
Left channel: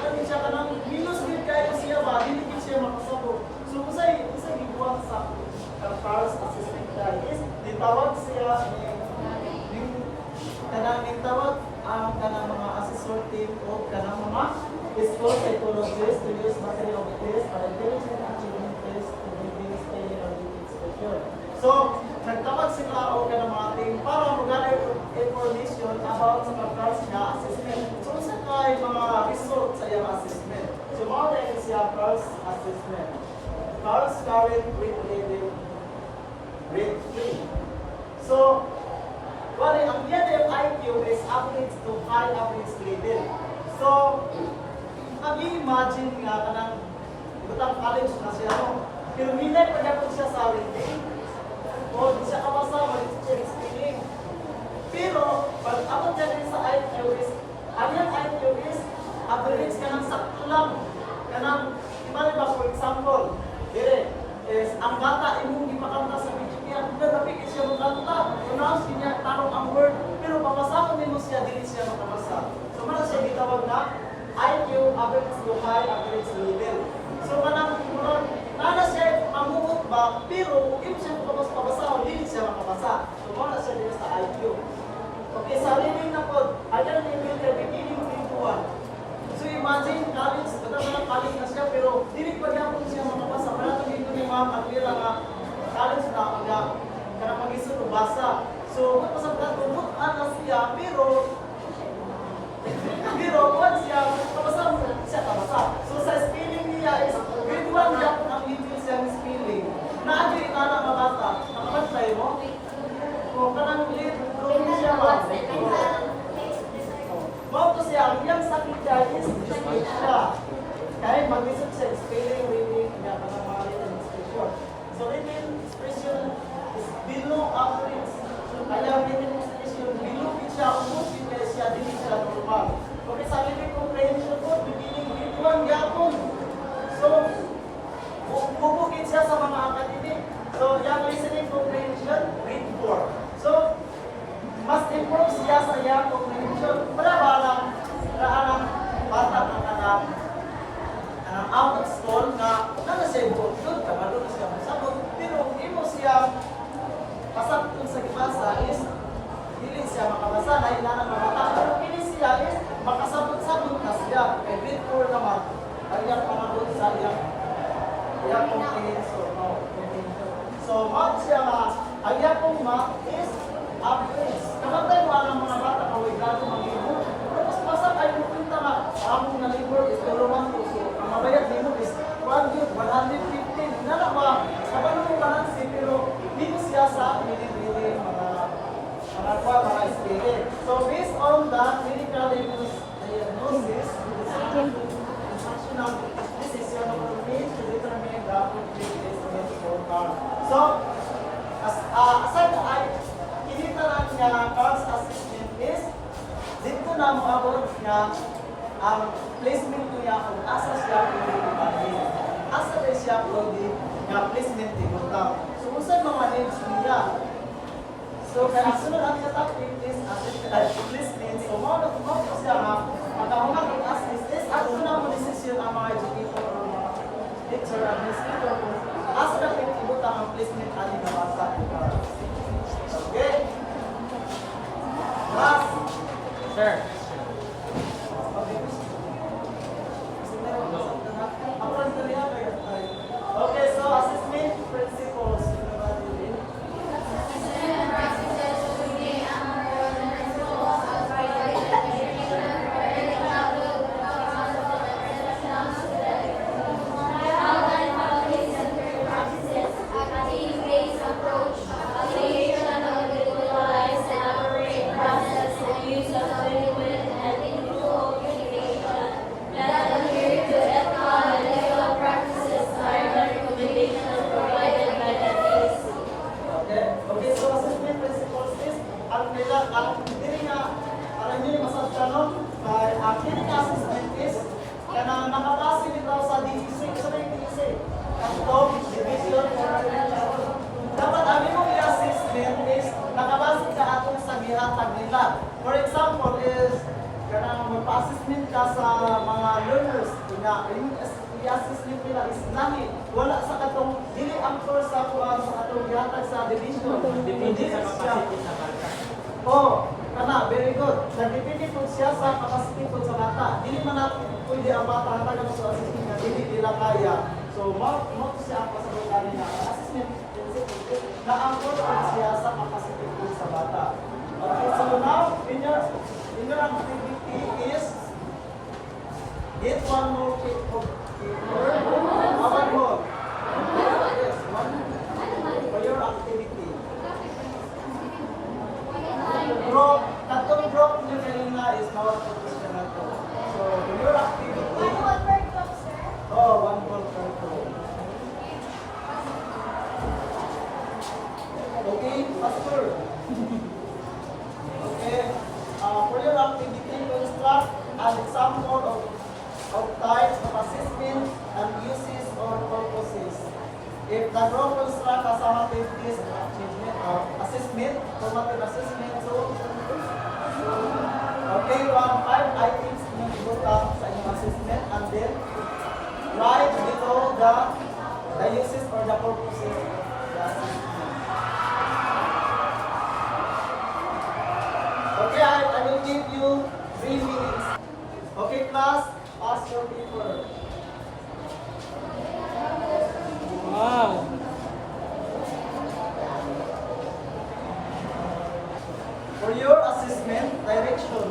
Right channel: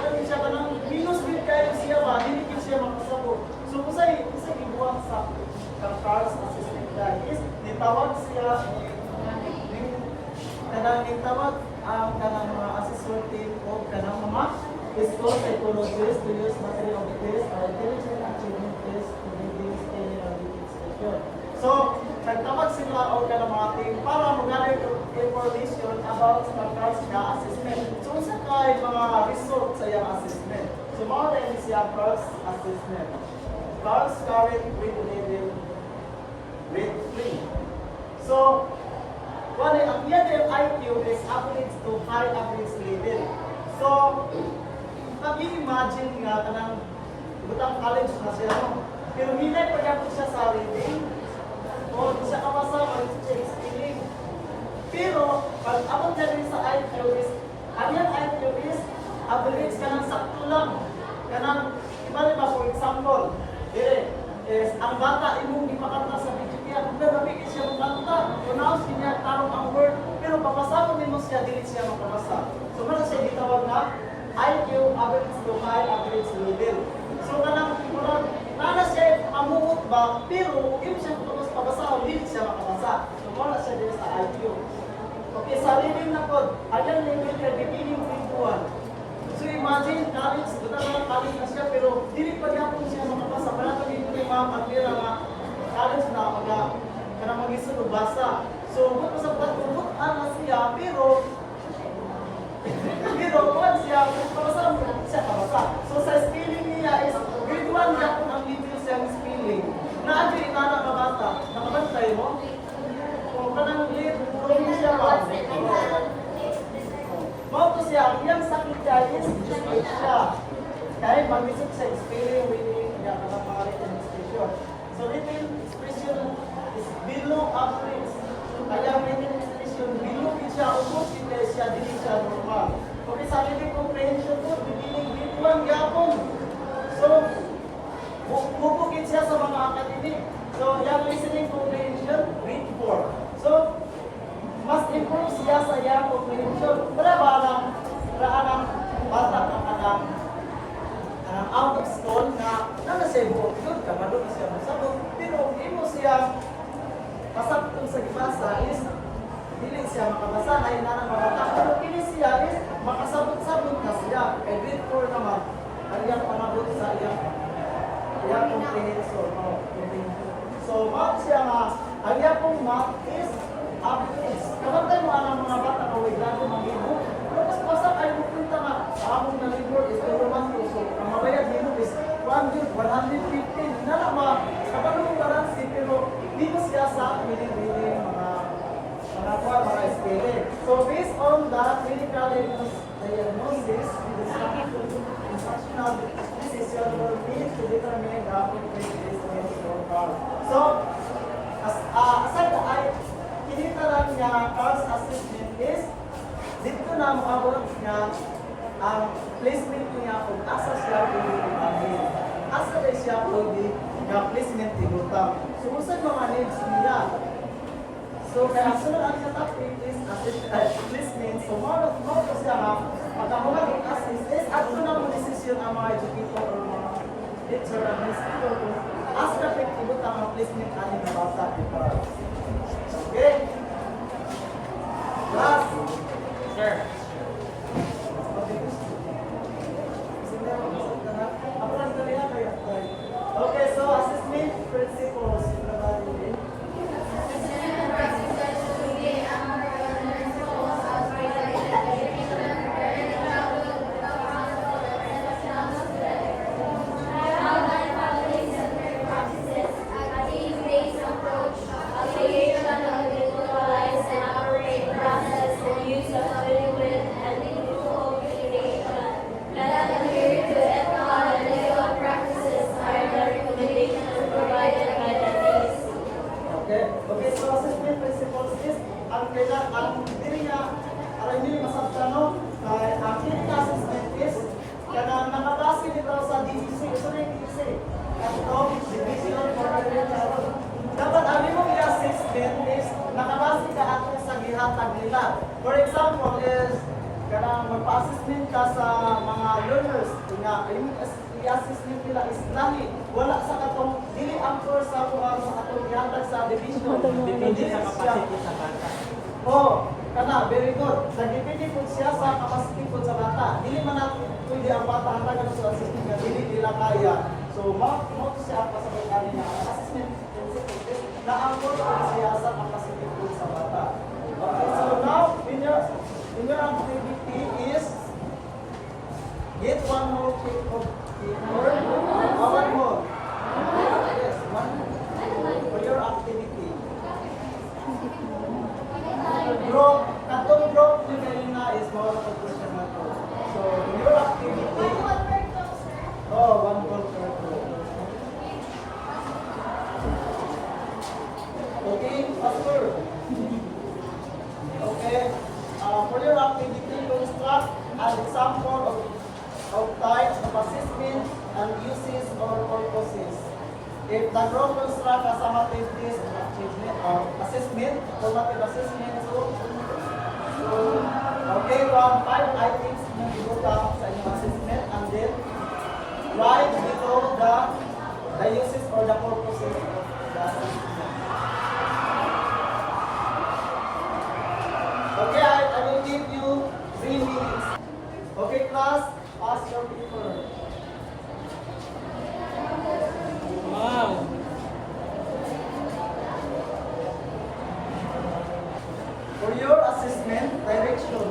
pwede siya kanang minus gid kayo siya ba, dili gid siya makasagot. So kung sa iguang sa Carlos assistant guy is nitawag siya kanang nitawag ang kanang mga assessor team o kanang mga school psychologists to use material of the test para intelligent achievement test to reduce spelling or reading expression. So, nagtawag sila o kanang mga team para mag-gather information about sa Carlos nga assessment. So, sa kay mga result sa iyang assessment. So, mga rin siya Carlos assessment. Carlos current grade level grade 3. So, well, ang yan yung IQ is average to high average level. So, mag-imagine nga kanang butang college na siya, no? Pero minay pagkakot siya sa reading, o di siya kapasa, mag-check spelling. Pero, pag abot niya rin sa IQ is, ang yan IQ is, average ka ng sakto lang. Kanang, iba ba, for example, is ang bata imong gipakanta sa video niya, pero bigit siya magkanta. Pronounce niya tarong ang word, pero papasakon nimo siya dili siya makabasa. So man siya gitawag na IQ average to high average level. So kanang murag nana siya amuot ba, pero if siya makabasa dili siya makabasa. So man siya dili sa IQ. Okay, sa reading na pod, ayan level kay beginning grade 1. So imagine college, katang college na siya, pero dili pa gyapon siya makabasa. Para kami ni ma'am ang pira nga college na mga kanang mag-isun basa. So kung sa pagtutok ana siya, pero kuwan siya, kabasa siya kabasa. So sa spelling niya is grade 1 gyapon ang video siya ng spelling. Naadyo inana ka bata, nakabantay mo? O kanang grade 2 siya ba? Mao to siya, ang iyang sakit niya is sakit siya. Kaya mag-isip sa spelling, reading, kaya kanang mga written expression. So written expression is below average. Kaya written expression, below siya, ubos kaya siya, dili siya normal. Okay, sa reading comprehension po, beginning grade 1 yapon. So, bubukit siya sa mga academic. So, yung listening comprehension, grade 4. So, mas improve siya sa iyang comprehension. Wala ba ang bata ang out of school na siya buong doon, kamado na siya masabot. Pero hindi mo siya pasabot sa gibasa is hindi siya makabasa na inanang mabata. Pero hindi siya is makasabot-sabot na siya. Kay grade 4 naman, ang iyang pangabot sa iyang comprehension. So, math siya nga, ang iyang pong math is average. Kapag mo ang mga bata kaway lalo mag-ibo, pero mas basa kayo pupunta nga sa among na libro is Roman so ang mabayad nito is 115. Na naman, kapag mo balance pero dito siya sa reading mga spelling. So based on that clinical diagnosis, instructional decision will need to determine the appropriate placement for Carl. So, aside ay kita lang nga Carl's assessment is dito na maabot nga ang placement niya kung asa siya pwede asa ba siya pwede nga placement tigutang. So, usan mga needs niya. So, kaya sunod ang siya topic is placement. So, mo siya nga magkahungan kung assist is at na mo decision ang mga educator o mga teacher administrator kung asa na pwede tigutang ang placement ani na bata ni Carl. Okay? Last. Sir. Okay, so assessment principles. Based approach Okay, so assessment principles is ang kailan ang dili nga aron dili masabta no. Ang clinical assessment is kanang nakabase dito sa DCC, sorry DCC. Ang top division for agriculture. Dapat ang imong i-assessment is nakabase ka atong sa gihatag nila. For example is kanang magpa-assessment ka sa mga learners nga imong i-assessment nila is lahi wala sa katong dili angkor sa atong gihatag sa division. Depende sa capacity sa bata. Oh, kana very good. Nagdepende po siya sa capacity po sa bata. Dili man natin pwede ang bata hatagan sa assessment nga dili nila kaya. So mo siya ang pasabot kanina assessment principle na angkor po siya sa capacity po sa bata. Okay, so now in your activity is get one more paper. One more. Yes, one for your activity. Group, katong group nyo kanina is mawala po siya na to. So, for your activity, one goal per group. Okay, Pastor. Okay, for your activity, construct an example of types of assessment and uses or purposes. If the group construct a summative list assessment, formative assessment, so okay, 5 items na ibuta sa inyong assessment and then write below the uses or the purposes of the assessment. Okay, I will give you 3 minutes. Okay, class, pass your paper. Wow! For your assessment direction,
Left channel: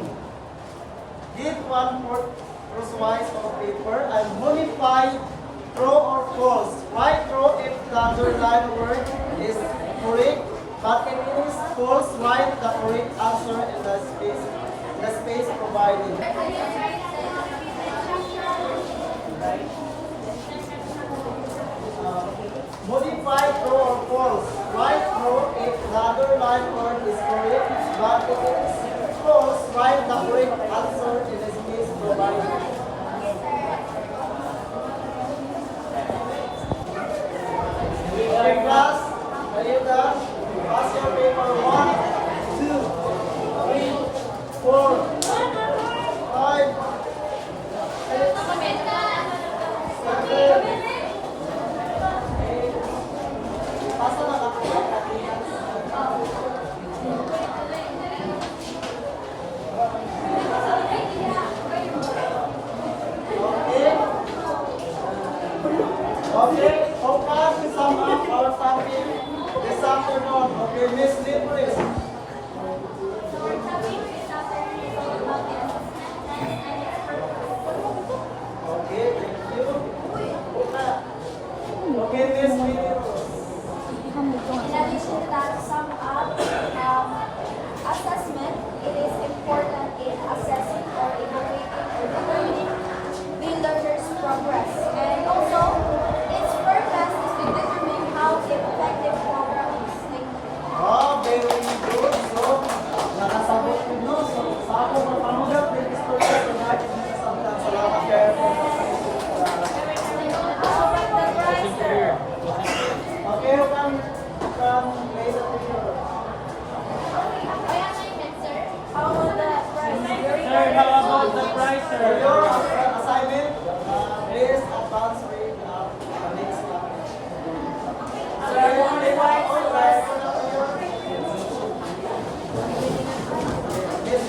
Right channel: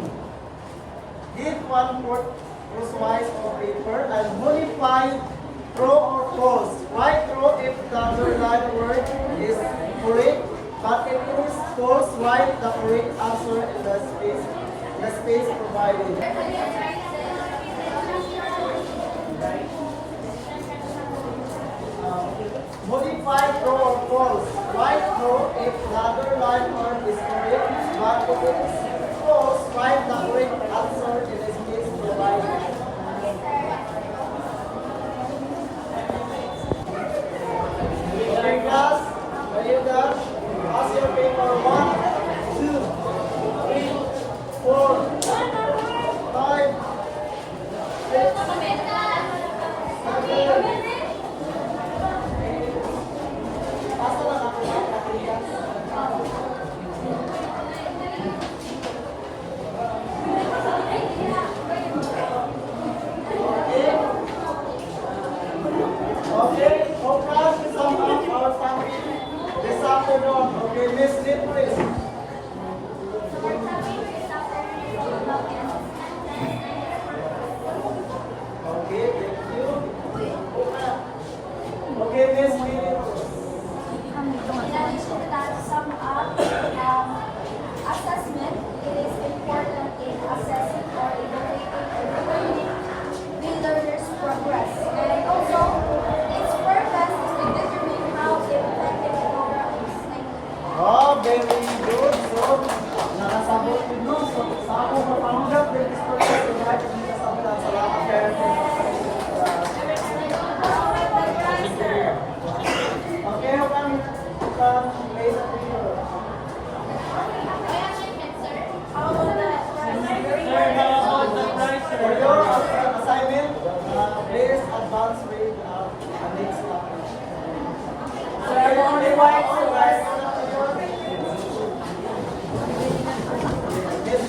give 1/4 crosswise of paper and modify true or false. Write true if the underlined word is correct, but if it is false, write the correct answer in the space provided. Modify true or false. Write true if the underlined word is correct, but if it is false, write the correct answer in the space provided. Okay, class, are you done? Pass your paper 1, 2, 3, 4, 5, 6, 7, pasa lang ako sa katigan. Okay? Okay, focus to sum up our topic this afternoon. Okay, Miss Lynn, please. Okay, thank you. Okay, Miss Lynn. In addition to that, sum up assessment, it is important in assessing or evaluating or determining the learner's progress. And also, its purpose is to determine how the effective program is taken. Oh, very good. So, nakasabot din no. So, sa ako mapangugat, with this purpose, so kahit hindi kasabot, salamat kayo. Okay, you can lay the picture. Sir, how about the price, For sir? your assignment, please advance read the next topic. Sir, only one online. Yes,